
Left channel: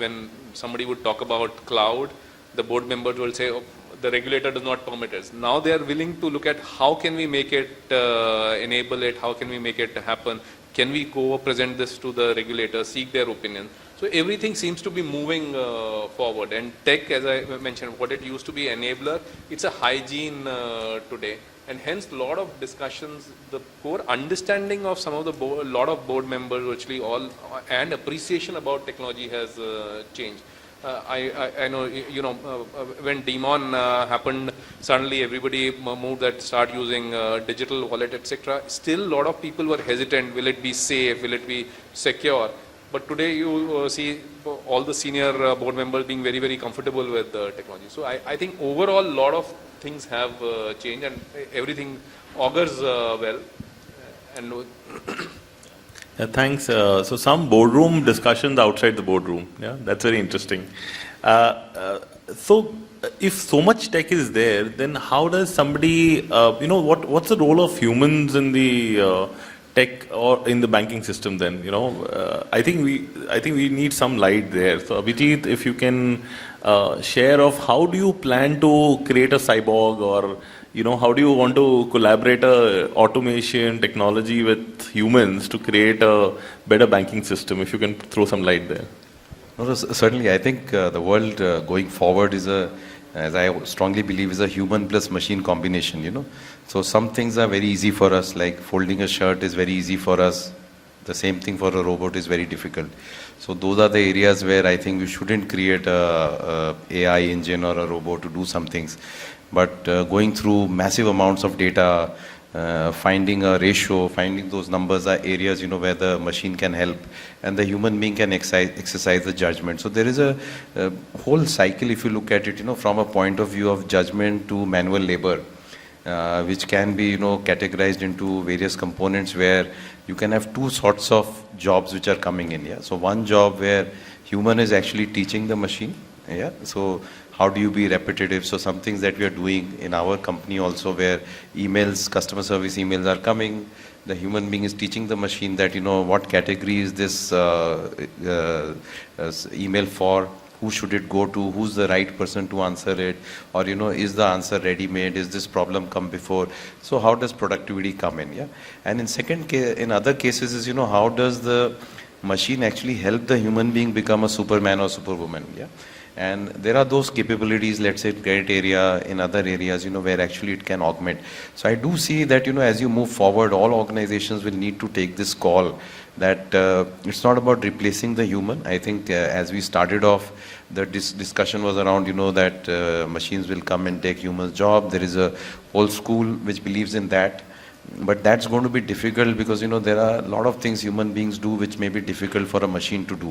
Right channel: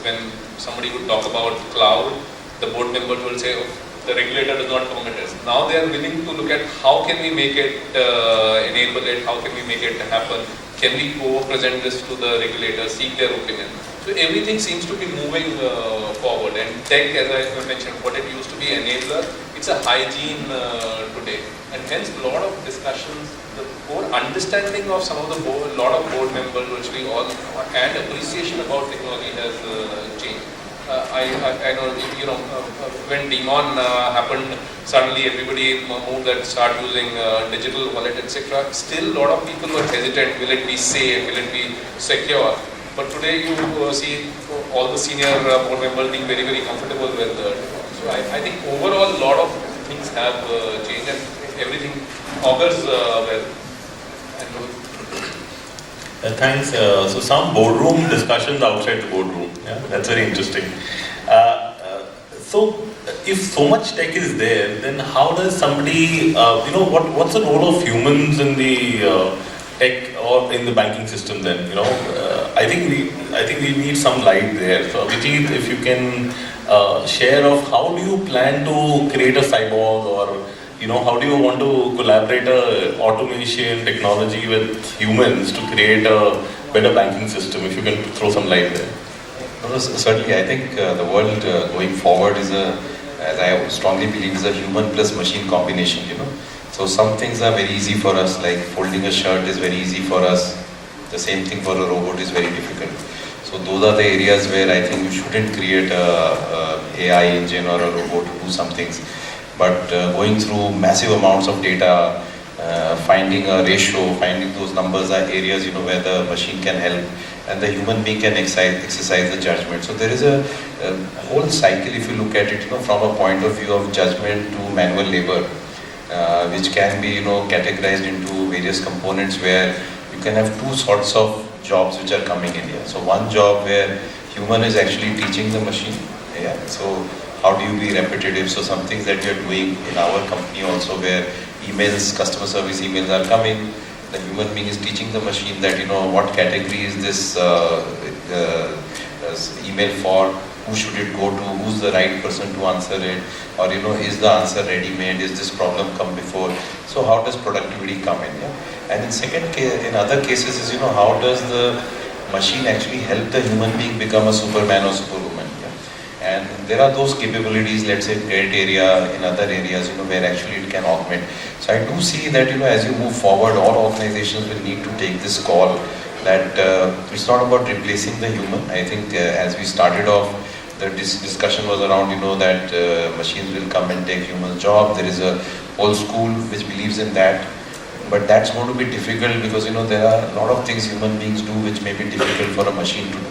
when somebody would talk about cloud, the board members would say, oh, the regulator does not commit risk. Now they are willing to look at how can we make it, enable it, how can we make it happen, can we present this to the regulator, seek their opinion. So everything seems to be moving forward, and tech, as I mentioned, what it used to be enabler, it's a hygiene today, and hence a lot of discussions, the whole understanding of some of the board, a lot of board members, virtually all, and appreciation about technology has changed. I know, when Demon happened, suddenly everybody moved and started using digital wallet, etc. Still, a lot of people were hesitant. Will it be safe? Will it be secure? But today, you see all the senior board members being very, very comfortable with it. So I think overall, a lot of things have changed, and everything augurs well. Thanks. So some boardroom discussions outside the boardroom. Yeah, that's very interesting. So if so much tech is there, then how does somebody, what's the role of humans in the tech or in the banking system then? I think we need some light there. So Abhijit, if you can share of how do you plan to create a cyborg, or how do you want to collaborate automation technology with humans to create a better banking system? If you can throw some light there. Well, certainly, I think the world going forward is as I strongly believe, is a human plus machine combination. So some things are very easy for us, like folding a shirt is very easy for us. The same thing for a robot is very difficult. So those are the areas where I think you shouldn't create a AI engine or a robot to do some things. But going through massive amounts of data, finding a ratio, finding those numbers are areas where the machine can help and the human being can exercise the judgment. So there is a whole cycle, if you look at it, from a point of view of judgment to manual labor, which can be categorized into various components where you can have two sorts of jobs which are coming in here. So one job where human is actually teaching the machine. Yeah. So how do you be repetitive? So some things that we are doing in our company also, where emails, customer service emails are coming, the human being is teaching the machine that what category is this email for, who should it go to, who's the right person to answer it, or is the answer ready-made, is this problem come before? So how does productivity come in? Yeah? And in other cases is how does the machine actually help the human being become a superman or superwoman? And there are those capabilities, let's say credit area, in other areas, where actually it can augment. So I do see that, as you move forward, all organizations will need to take this call that it's not about replacing the human. I think as we started off, this discussion was around, that machines will come and take human job. There is a whole school which believes in that. But that's going to be difficult because, there are a lot of things human beings do which may be difficult for a machine to do.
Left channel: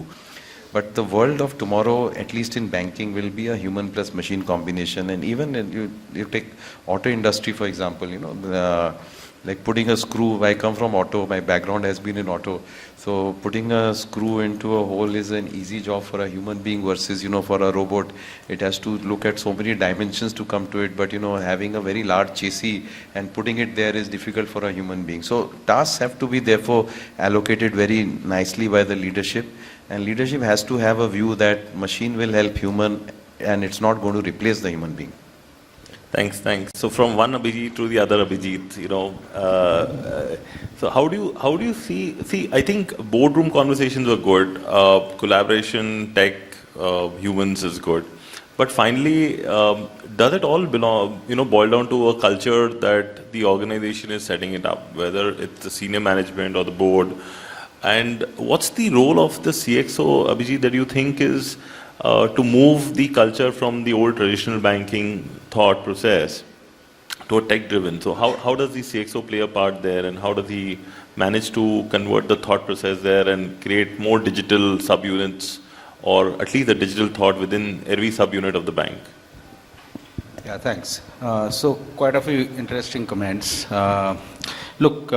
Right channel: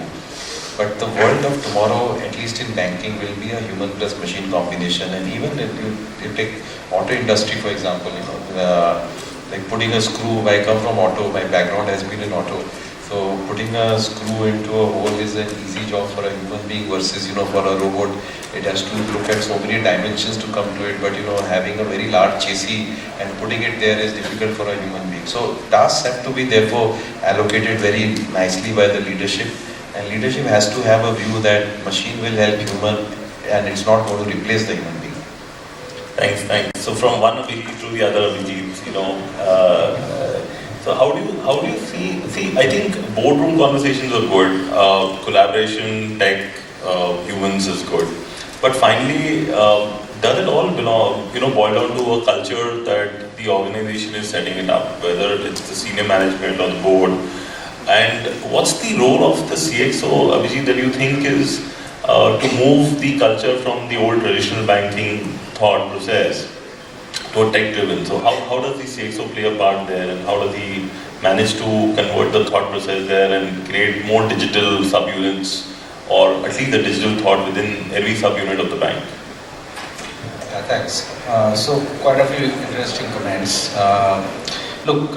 But the world of tomorrow, at least in banking, will be a human plus machine combination. And even if you take auto industry, for example, like putting a screw, I come from auto, my background has been in auto. So putting a screw into a hole is an easy job for a human being versus, for a robot, it has to look at so many dimensions to come to it. But, having a very large chassis and putting it there is difficult for a human being. So tasks have to be therefore allocated very nicely by the leadership. And leadership has to have a view that machine will help human and it's not going to replace the human being. Thanks. So from one Abhijit to the other Abhijit, so how do you see, I think boardroom conversations are good, collaboration, tech, humans is good. But finally, does it all belong, boil down to a culture that the organization is setting it up, whether it's the senior management or the board? And what's the role of the CXO, Abhijit, that you think is to move the culture from the old traditional banking thought process to a tech-driven? So how does the CXO play a part there, and how does he manage to convert the thought process there and create more digital subunits, or at least a digital thought within every subunit of the bank? Thanks. So quite a few interesting comments. Look,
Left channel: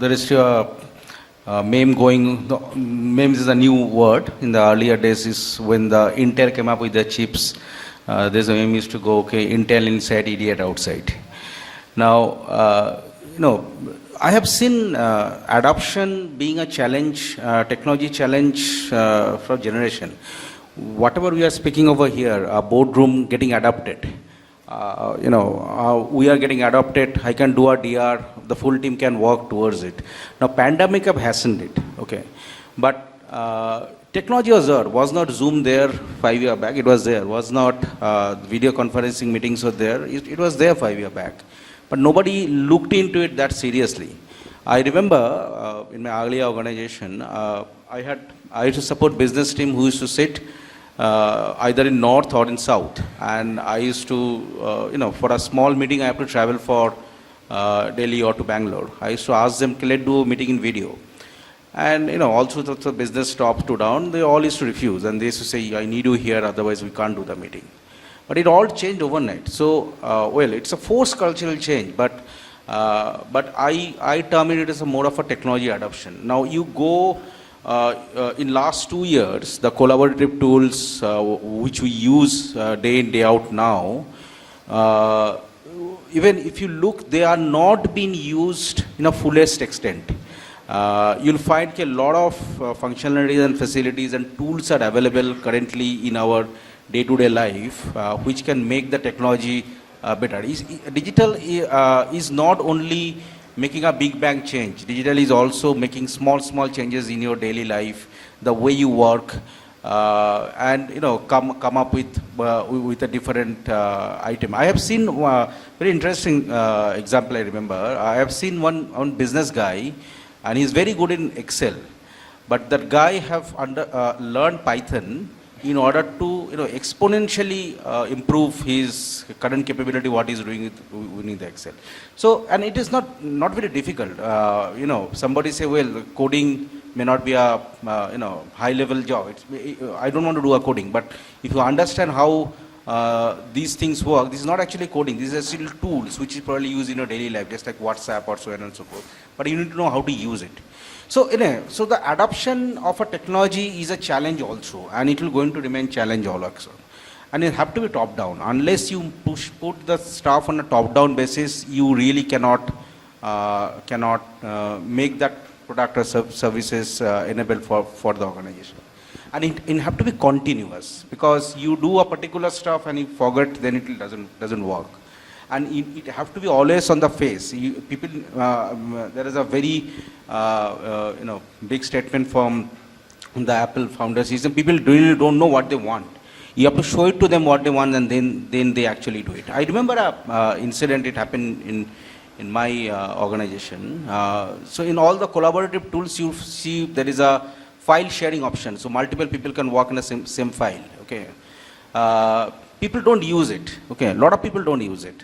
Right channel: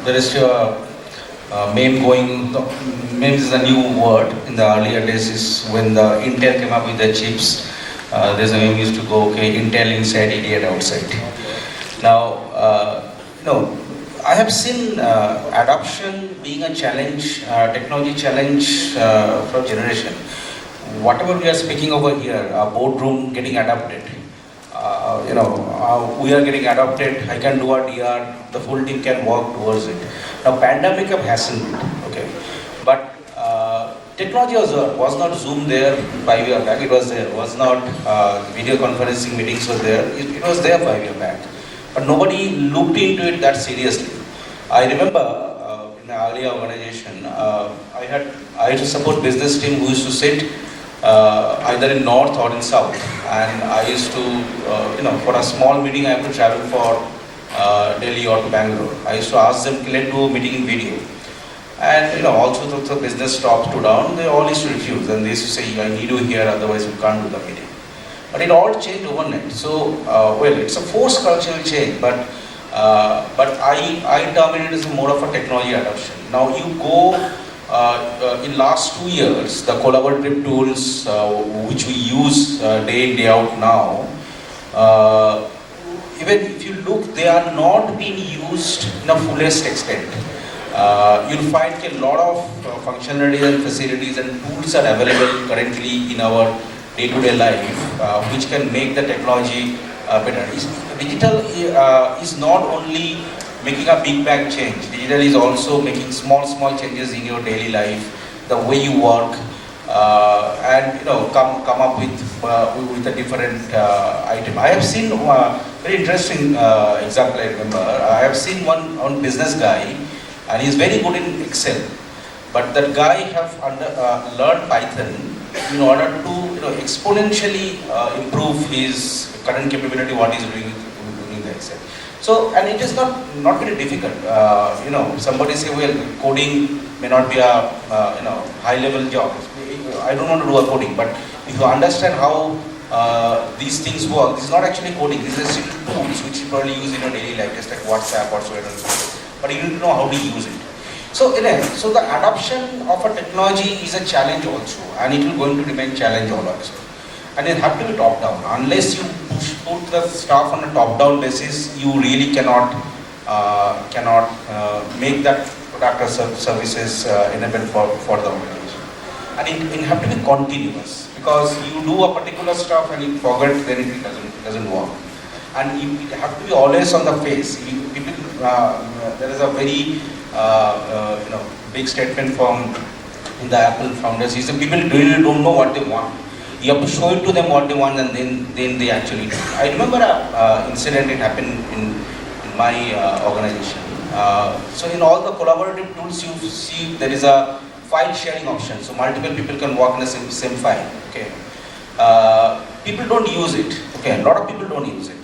there is your main is a new word. In the earlier days is when the Intel came up with the chips. There's a name used to go, okay, Intel inside, idiot outside. Now, no, I have seen adoption being a challenge, technology challenge for generation. Whatever we are speaking over here, a boardroom getting adopted. We are getting adopted. I can do a DR. The full team can work towards it. Now, pandemic have hastened, okay, but technology was not Zoom there 5 years back. It was there. Was not video conferencing meetings was there. It was there 5 years back, but nobody looked into it that seriously. I remember in my earlier organization, I used to support business team who used to sit either in north or in south, and I used to, for a small meeting I had to travel for Delhi or Bangalore. I used to ask them to do a meeting in video, and also took the business top to down. They all used to refuse, and they used to say, "I need you here, otherwise you can't do the meeting." But it all changed overnight. So, it's a forced cultural change, but I term it as more of a technology adoption. Now you go. In last 2 years, the collaborative tools which we use day in, day out now, even if you look, they are not being used in a fullest extent. You'll find a lot of functionalities and facilities and tools are available currently in our day-to-day life, which can make the technology better. Digital is not only making a big bang change. Digital is also making small changes in your daily life, the way you work, and come up with a different item. I have seen very interesting example. I remember I have seen one business guy, and he's very good in Excel, but that guy have learned Python in order to exponentially improve his current capability. What he's doing in Excel. So, and it is not very difficult. Somebody say, well, coding may not be a high level job. I don't want to do a coding, but if you understand how these things work, it's not actually coding. These are tools which you probably use in your daily life. It's like WhatsApp, whatsoever. But you need to know how to use it. So, so the adoption of a technology is a challenge also, and it is going to remain a challenge also. And it has to be top down. Unless you put the stuff on a top down basis, you really cannot make that product or services enabled for the organization. And it has to be continuous, because you do a particular stuff and you forget, then it doesn't work. And it has to be always on the face. There is a very big statement from the Apple founders. He said people really don't know what they want. You have to show it to them what they want, and then they actually do. I remember an incident that happened in my organization. So in all the collaborative tools, you see there is a file sharing option. So multiple people can work on the same file. Okay. People don't use it. Okay. A lot of people don't use it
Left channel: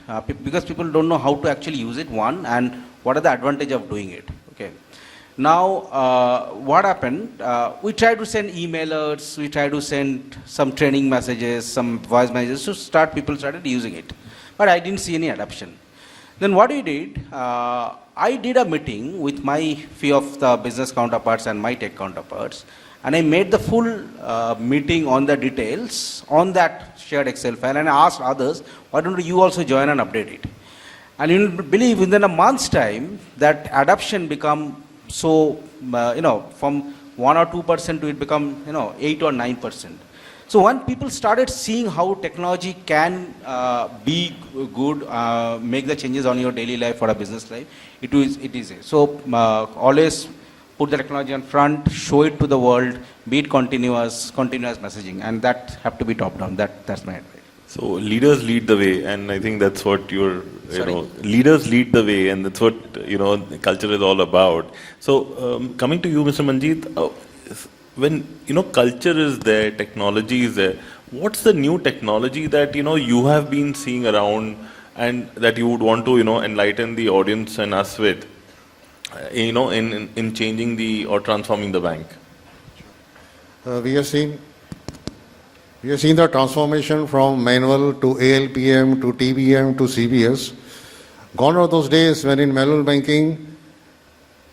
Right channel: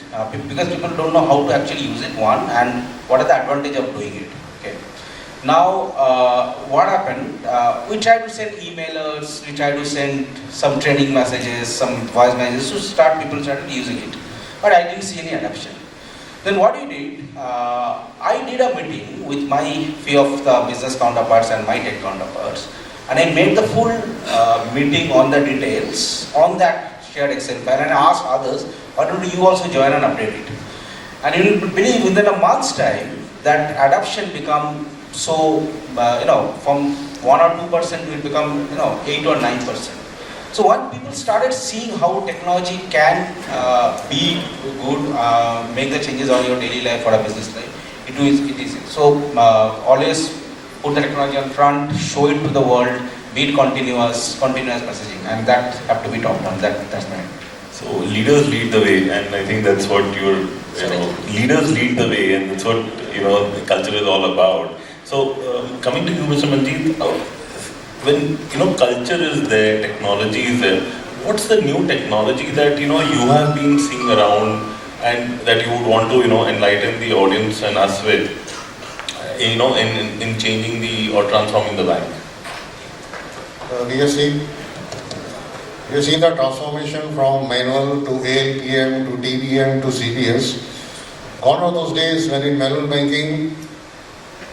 because people don't know how to actually use it. One, and what are the advantage of doing it. Okay. Now, what happened? We tried to send emailers, we tried to send some training messages, some voice messages to people started using it. But I didn't see any adoption. Then what we did, I did a meeting with my few of the business counterparts and my tech counterparts, and I made the full meeting on the details on that shared Excel file, and I asked others, why don't you also join and update it? And you will believe within a month's time, that adoption become so, from 1 or 2% will become, 8 or 9%. So when people started seeing how technology can be good, make the changes on your daily life or a business life, it is easy. So always put the technology up front, show it to the world, be it continuous messaging, and that have to be top down. That's my. So leaders lead the way, and I think that's what leaders lead the way, and that's what the culture is all about. So coming to you, Mr. Manjit, when culture is there, technology is there, what's the new technology that you have been seeing around and that you would want to enlighten the audience and us with, in changing or transforming the bank? We have seen the transformation from manual to ALPM to TBM to CBS. Gone are those days when in manual banking,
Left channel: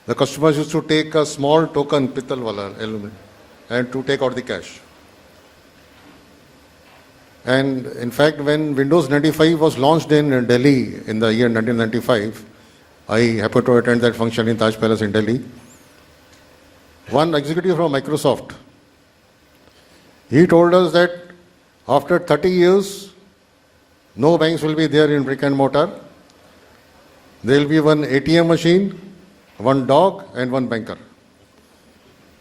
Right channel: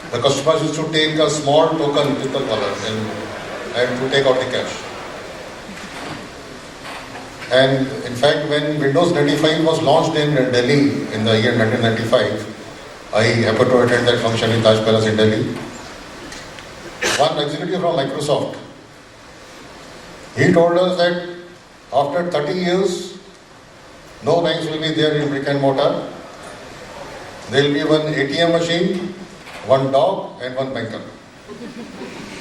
the customers used to take a small token with the wallet and to take out the cash. And in fact, when Windows 95 was launched in Delhi in the year 1995, I happened to attend that function in Taj Palace in Delhi. One executive from Microsoft, he told us that after 30 years, no banks will be there in brick and mortar. There will be one ATM machine, one dog and one banker.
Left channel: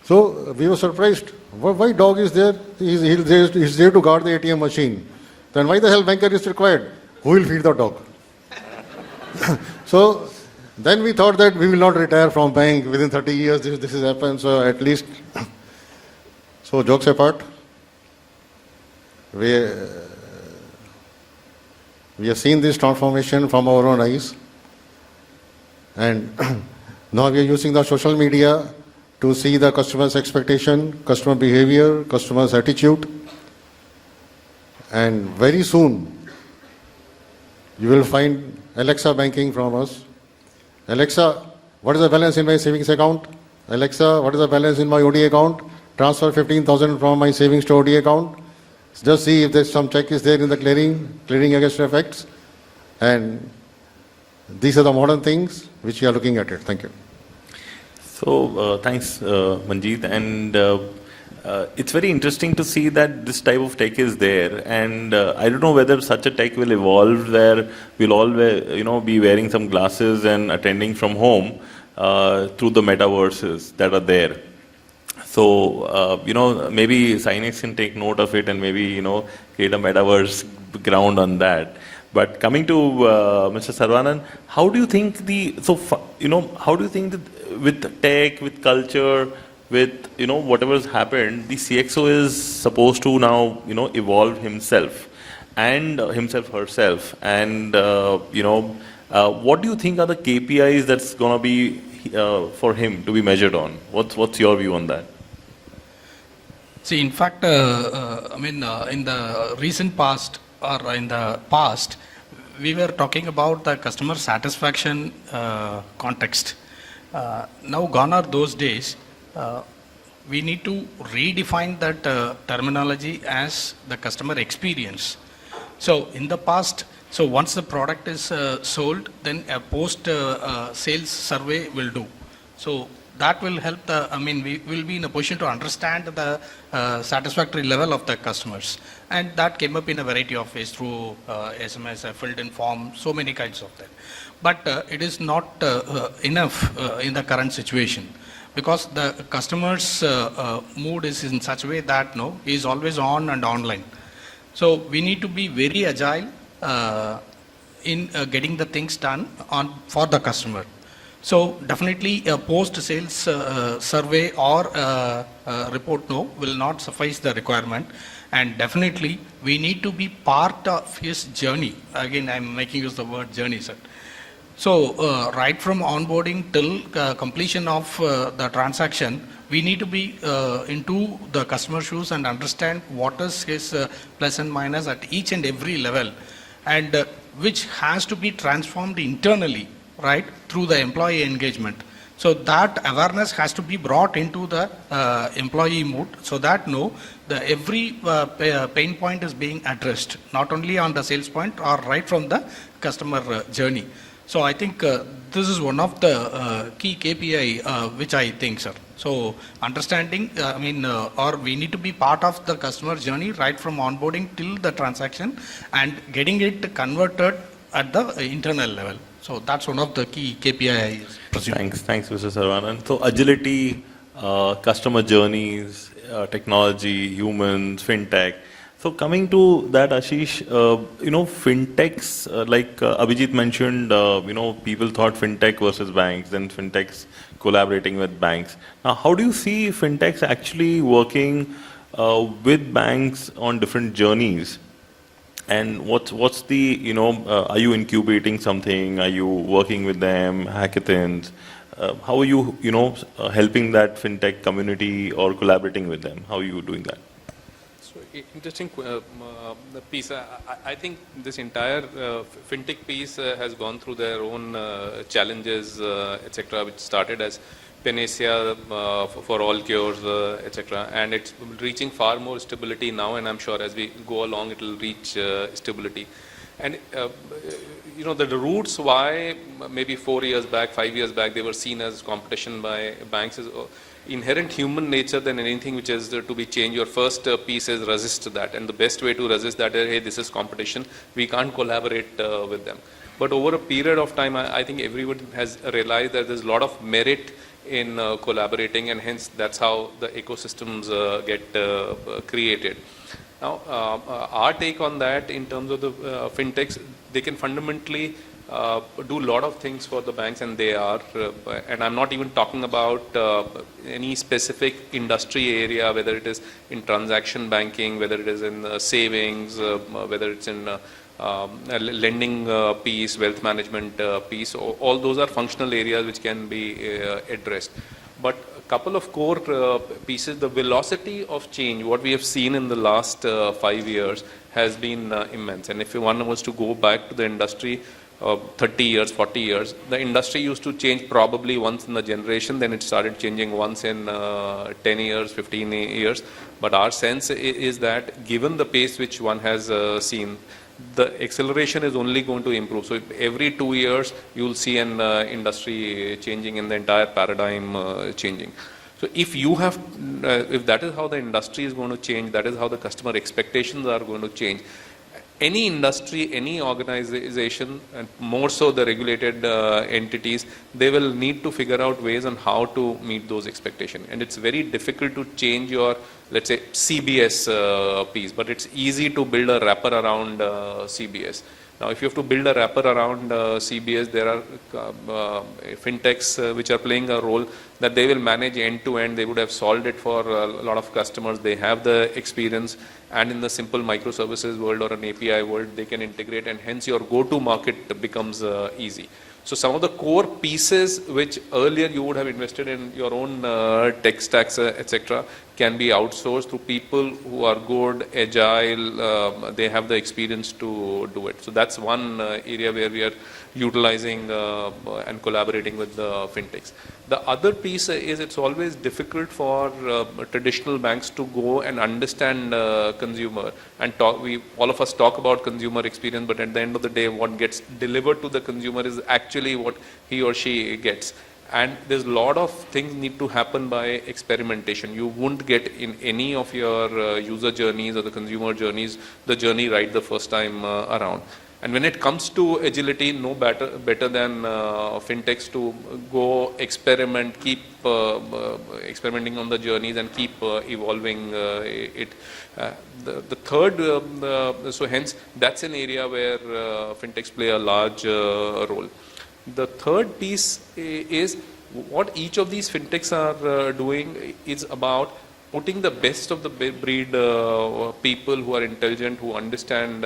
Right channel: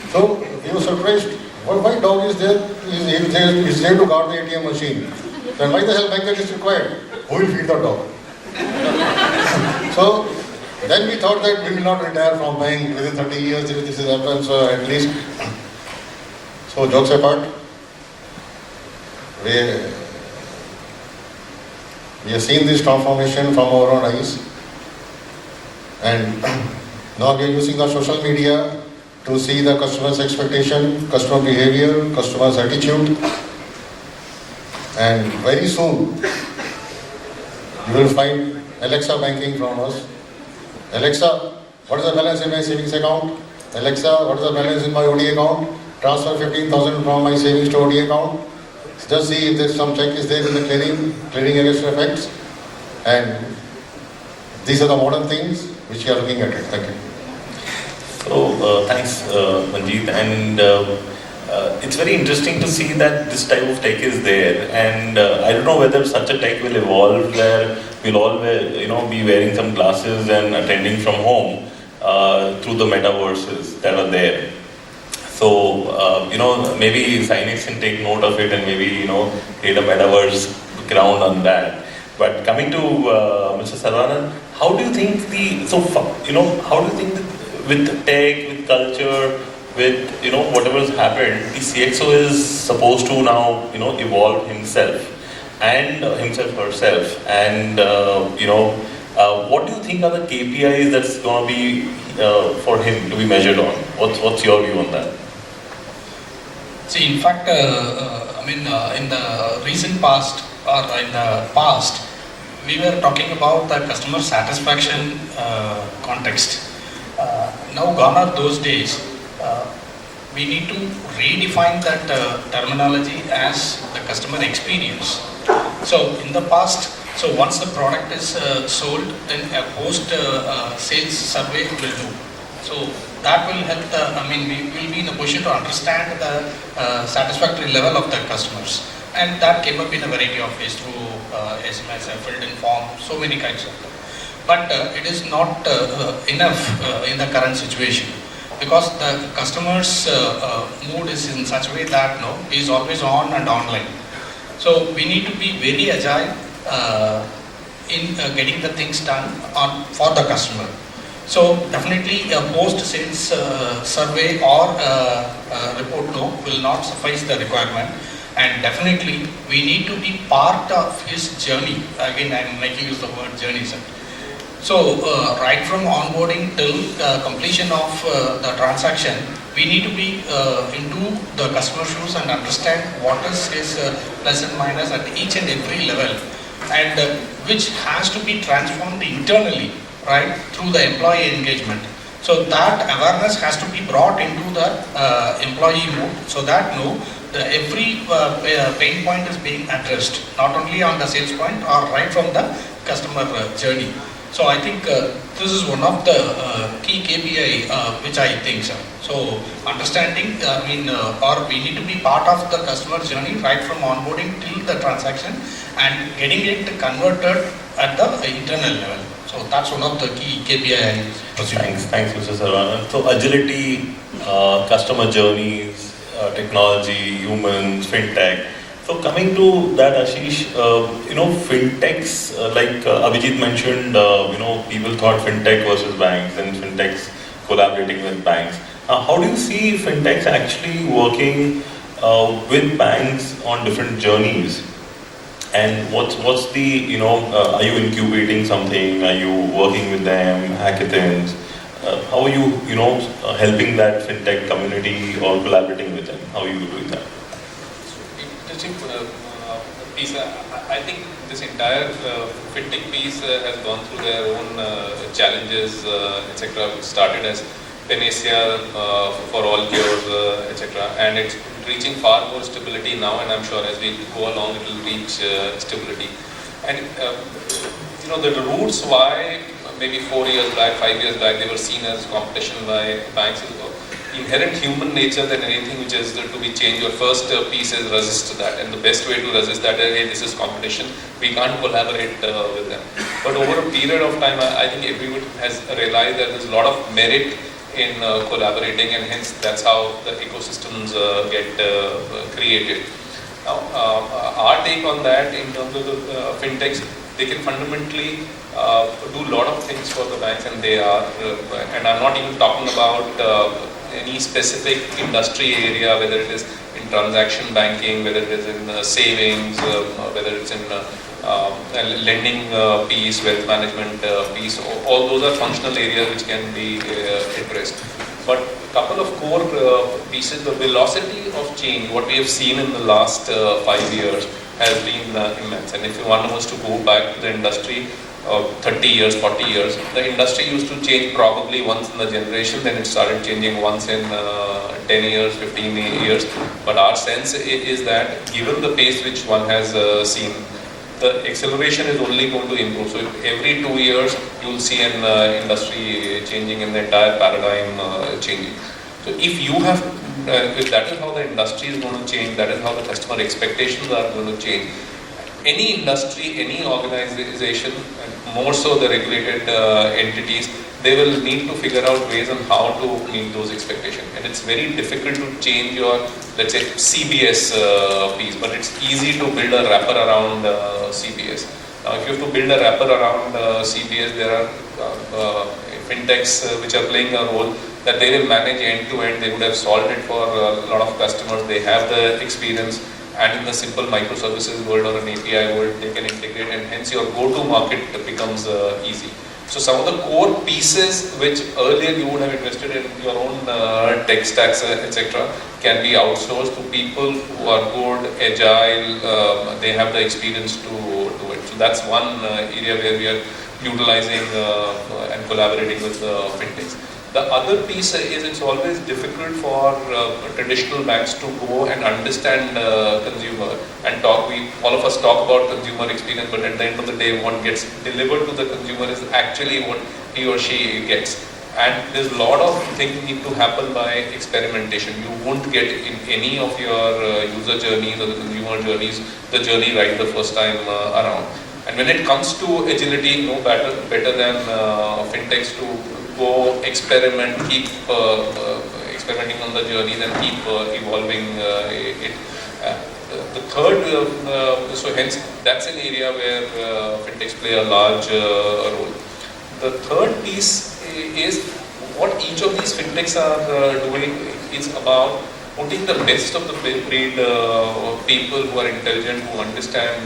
So we were surprised. Why dog is there? He's there to guard the ATM machine. Then why the hell banker is required? Who will feed the dog? So then we thought that we will not retire from bank within 30 years if this happens, so at least. So jokes apart, we have seen this transformation from our own eyes, and now we are using the social media to see the customer's expectation, customer behavior, customer's attitude, and very soon you will find Alexa banking from us. Alexa, what is the balance in my savings account? Alexa, what is the balance in my OD account? Transfer 15,000 from my savings to OD account. Just see if there's some check is there in the clearing against effects. And these are the modern things which you are looking at. Thank you. So thanks, Manjit. And it's very interesting to see that this type of tech is there. And I don't know whether such a tech will evolve where we'll all be wearing some glasses and attending from home to the metaverses that are there. So, maybe Synnex can take note of it and maybe, create a metaverse ground on that. But coming to Mr. SARAVANAN, how do you think with tech, with culture, with, whatever's happened, the CXO is supposed to now, evolve himself and herself. And, what do you think are the KPIs that's going to be for him to be measured on? What's your view on that? See, in fact, in the recent past or in the past, we were talking about the customer satisfaction context. Now gone are those days. We need to redefine that terminology as the customer experience. So in the past, once the product is sold, then a post-sales survey will do. So that will help, we will be in a position to understand the satisfactory level of the customers. And that came up in a variety of ways through SMS, filled-in form, so many kinds of them. But it is not enough in the current situation, because the customer's mood is in such a way that he is always on and online. So we need to be very agile in getting the things done for the customer. So definitely a post-sales survey or report will not suffice the requirement. And definitely we need to be part of his journey. Again, I am making use of the word journey, sir. So right from onboarding till completion of the transaction, we need to be into the customer shoes and understand what is his plus and minus at each and every level, and which has to be transformed internally, right, through the employee engagement. So that awareness has to be brought into the employee mood, so that every pain point is being addressed, not only on the sales point or right from the customer journey. So I think this is one of the key KPI which I think, sir. So understanding, or we need to be part of the customer journey right from onboarding till the transaction and getting it converted at the internal level. So that's one of the key KPI. Thanks, Mr. SARAVANAN. So agility, customer journeys, technology, humans, fintech. So coming to that, Ashish, fintechs, like Abhijit mentioned, people thought fintech versus banks and fintechs collaborating with banks. How do you see fintechs actually working with banks on different journeys? And what's the, are you incubating something? Are you working with them, hackathons? How are you, helping that fintech community or collaborating with them? How are you doing that? Interesting piece. I think this entire fintech piece has gone through their own challenges, etc. It started as Panacea for all cures, etc. And it's reaching far more stability now, and I'm sure as we go along it will reach stability. And the roots why maybe 4 years back, 5 years back, they were seen as competition by banks. Inherent human nature than anything which is to be changed. Your first piece is resist that, and the best way to resist that is, hey, this is competition. We can't collaborate with them. But over a period of time, I think everyone has realized that there's a lot of merit in collaborating, and hence that's how the ecosystems get created. Now, our take on that in terms of the fintechs, they can fundamentally do a lot of things for the banks, and they are. And I'm not even talking about any specific industry area, whether it is in transaction banking, whether it is in savings, whether it's in lending piece, wealth management piece. All those are functional areas which can be addressed. But a couple of core pieces, the velocity of change, what we have seen in the last 5 years has been immense. And if one wants to go back to the industry, 30 years, 40 years, the industry used to change probably once in the generation, then it started changing once in 10 years, 15 years. But our sense is that given the pace which one has seen, the acceleration is only going to improve. So every 2 years, you will see an industry changing, an entire paradigm changing. So if you have, if that is how the industry is going to change, that is how the customer expectations are going to change. Any industry, any organization, more so the regulated entities, they will need to figure out ways on how to meet those expectations. And it's very difficult to change your, let's say, CBS piece, but it's easy to build a wrapper around CBS. Now, if you have to build a wrapper around CBS, there are fintechs which are playing a role that they will manage end-to-end. They would have solved it for a lot of customers. They have the experience. And in the simple microservices world or an API world, they can integrate, and hence your go-to market becomes easy. So some of the core pieces which earlier you would have invested in your own tech stacks, etc., can be outsourced to people who are good, agile, they have the experience to do it. So that's one area where we are utilizing and collaborating with fintechs. The other piece is it's always difficult for traditional banks to go and understand consumer and talk. All of us talk about consumer experience, but at the end of the day, what gets delivered to the consumer is actually what he or she gets. And there's a lot of things need to happen by experimentation. You won't get in any of your user journeys or the consumer journeys the journey right the first time around. And when it comes to agility, no better than fintechs to go experiment, keep experimenting on the journeys and keep evolving it. The third, so hence that's an area where fintechs play a large role. The third piece is what each of these fintechs are doing is about putting the best of the breed people who are intelligent, who understand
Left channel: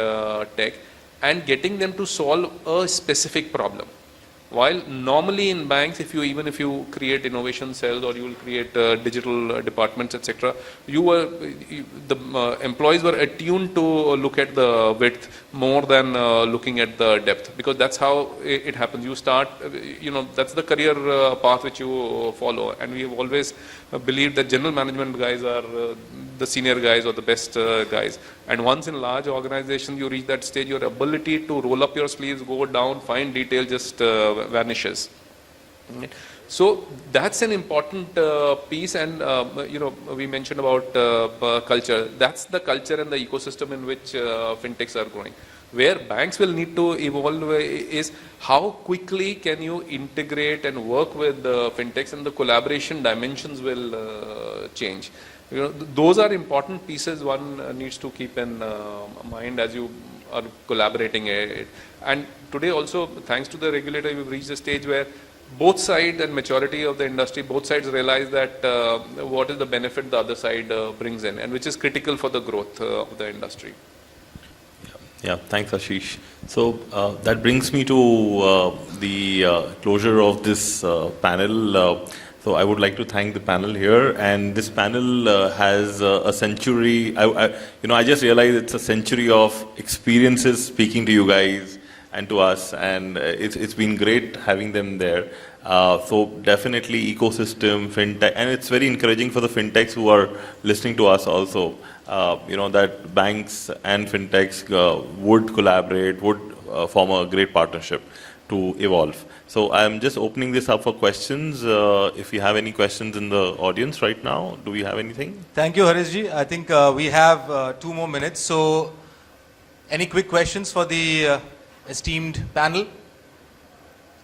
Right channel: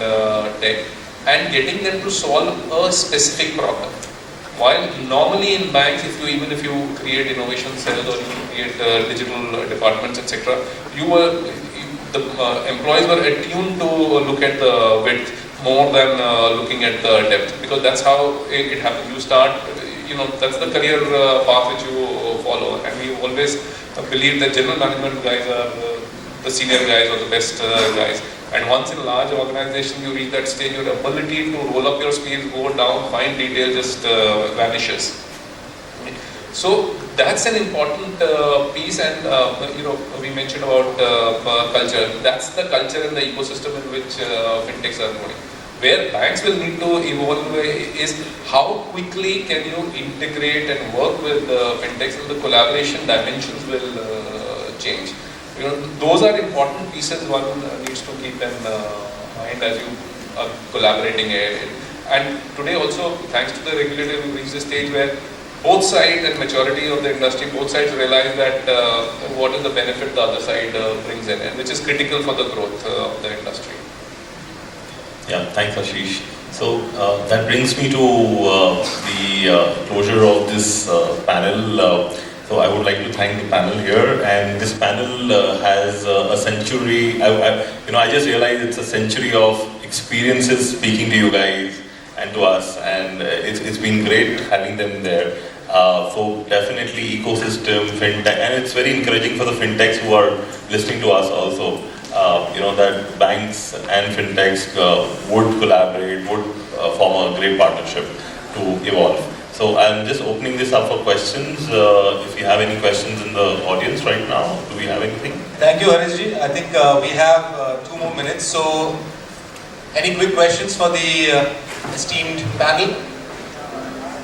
tech, and getting them to solve a specific problem. While normally in banks, even if you create innovation cells or you create digital departments, etc., the employees are attuned to look at the width more than looking at the depth, because that's how it happens. You start, that's the career path which you follow, and we always believe that general management guys are the senior guys or the best guys. And once in large organization you reach that stage, your ability to roll up your sleeves, go down, find detail just vanishes. So that's an important piece, and we mentioned about culture. That's the culture and the ecosystem in which fintechs are going. Where banks will need to evolve is how quickly can you integrate and work with fintechs, and the collaboration dimensions will change. Those are important pieces one needs to keep in mind as you are collaborating it. And today also, thanks to the regulator, we reached a stage where both sides and majority of the industry, both sides realize that what is the benefit the other side brings in, and which is critical for the growth of the industry. Yeah, thanks Ashish. So that brings me to the closure of this panel. So I would like to thank the panel here, and this panel has a century. I just realized it's a century of experiences speaking to you guys and to us, and it's been great having them there. So definitely ecosystem, fintech, and it's very encouraging for the fintechs who are listening to us also. That banks and fintechs would collaborate, would form a great partnership to evolve. So I'm just opening this up for questions. If you have any questions in the audience right now, do we have anything? Thank you, Haresh. I think we have 2 more minutes. So, any quick questions for the esteemed panel?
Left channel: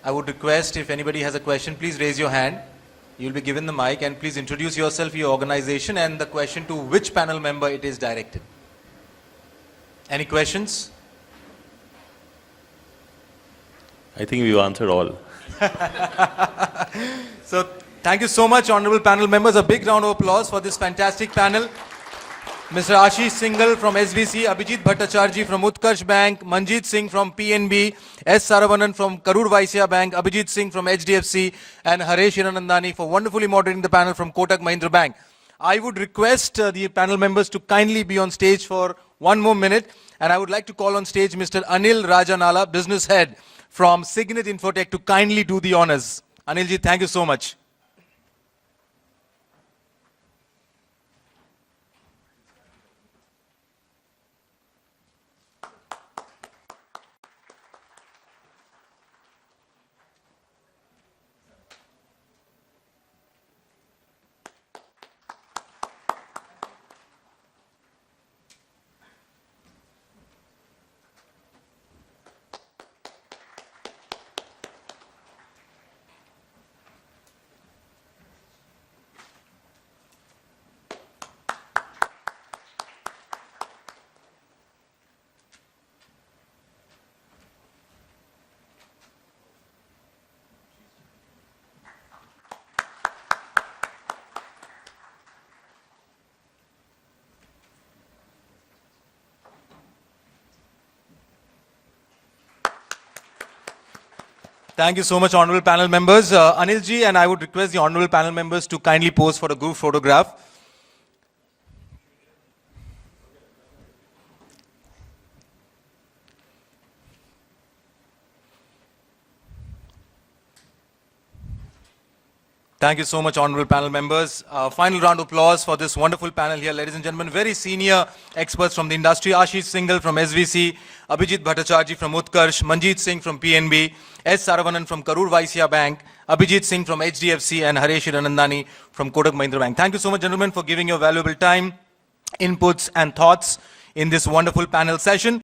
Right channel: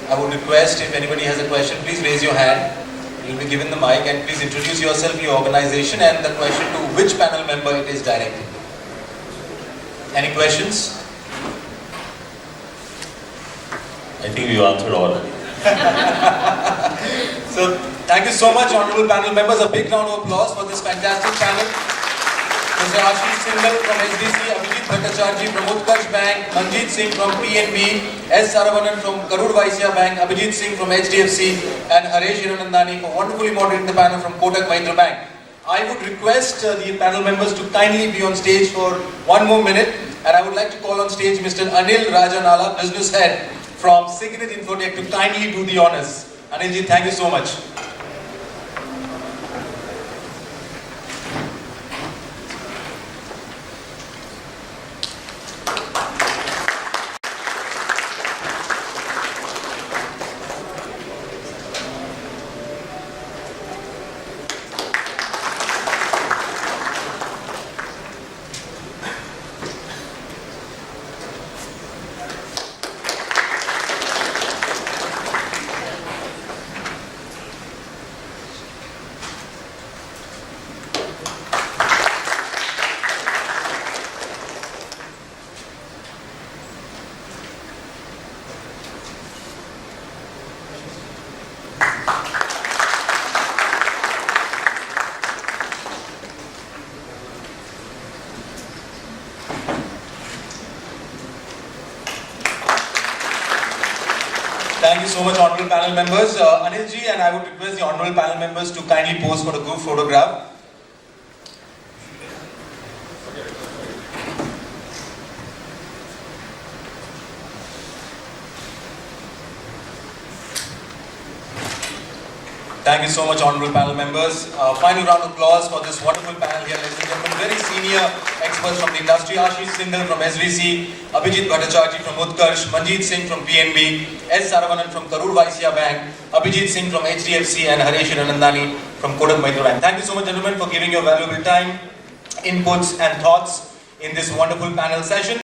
I would request if anybody has a question, please raise your hand. You'll be given the mic, and please introduce yourself, your organization, and the question to which panel member it is directed. Any questions? I think you answered all. So, thank you so much, honorable panel members. A big round of applause for this fantastic panel. Mr. Ashish Singhal from HDFC, Abhijeet Bhattacharjee from Utkarsh Bank, Manjit Singh from PNB, SARAVANAN from Karur Vysya Bank, Abhijit Singh from HDFC, and Haresh Hiranandani for wonderfully moderating the panel from Kotak Mahindra Bank. I would request the panel members to kindly be on stage for 1 more minute, and I would like to call on stage Mr. Anil Rajanala, Business Head from Signet Infotech, to kindly do the honors. Anilji, thank you so much. Thank you so much, honorable panel members. Anilji, and I would request the honorable panel members to kindly pose for a group photograph. Thank you so much, honorable panel members. Final round of applause for this wonderful panel here, ladies and gentlemen. Very senior experts from the industry. Ashish Singhal from SVC, Abhijeet Bhattacharjee from Utkarsh, Manjit Singh from PNB, Saravanan from Karur Vysya Bank, Abhijit Singh from HDFC, and Haresh Hiranandani from Kotak Mahindra Bank. Thank you so much, gentlemen, for giving your valuable time, inputs, and thoughts in this wonderful panel session.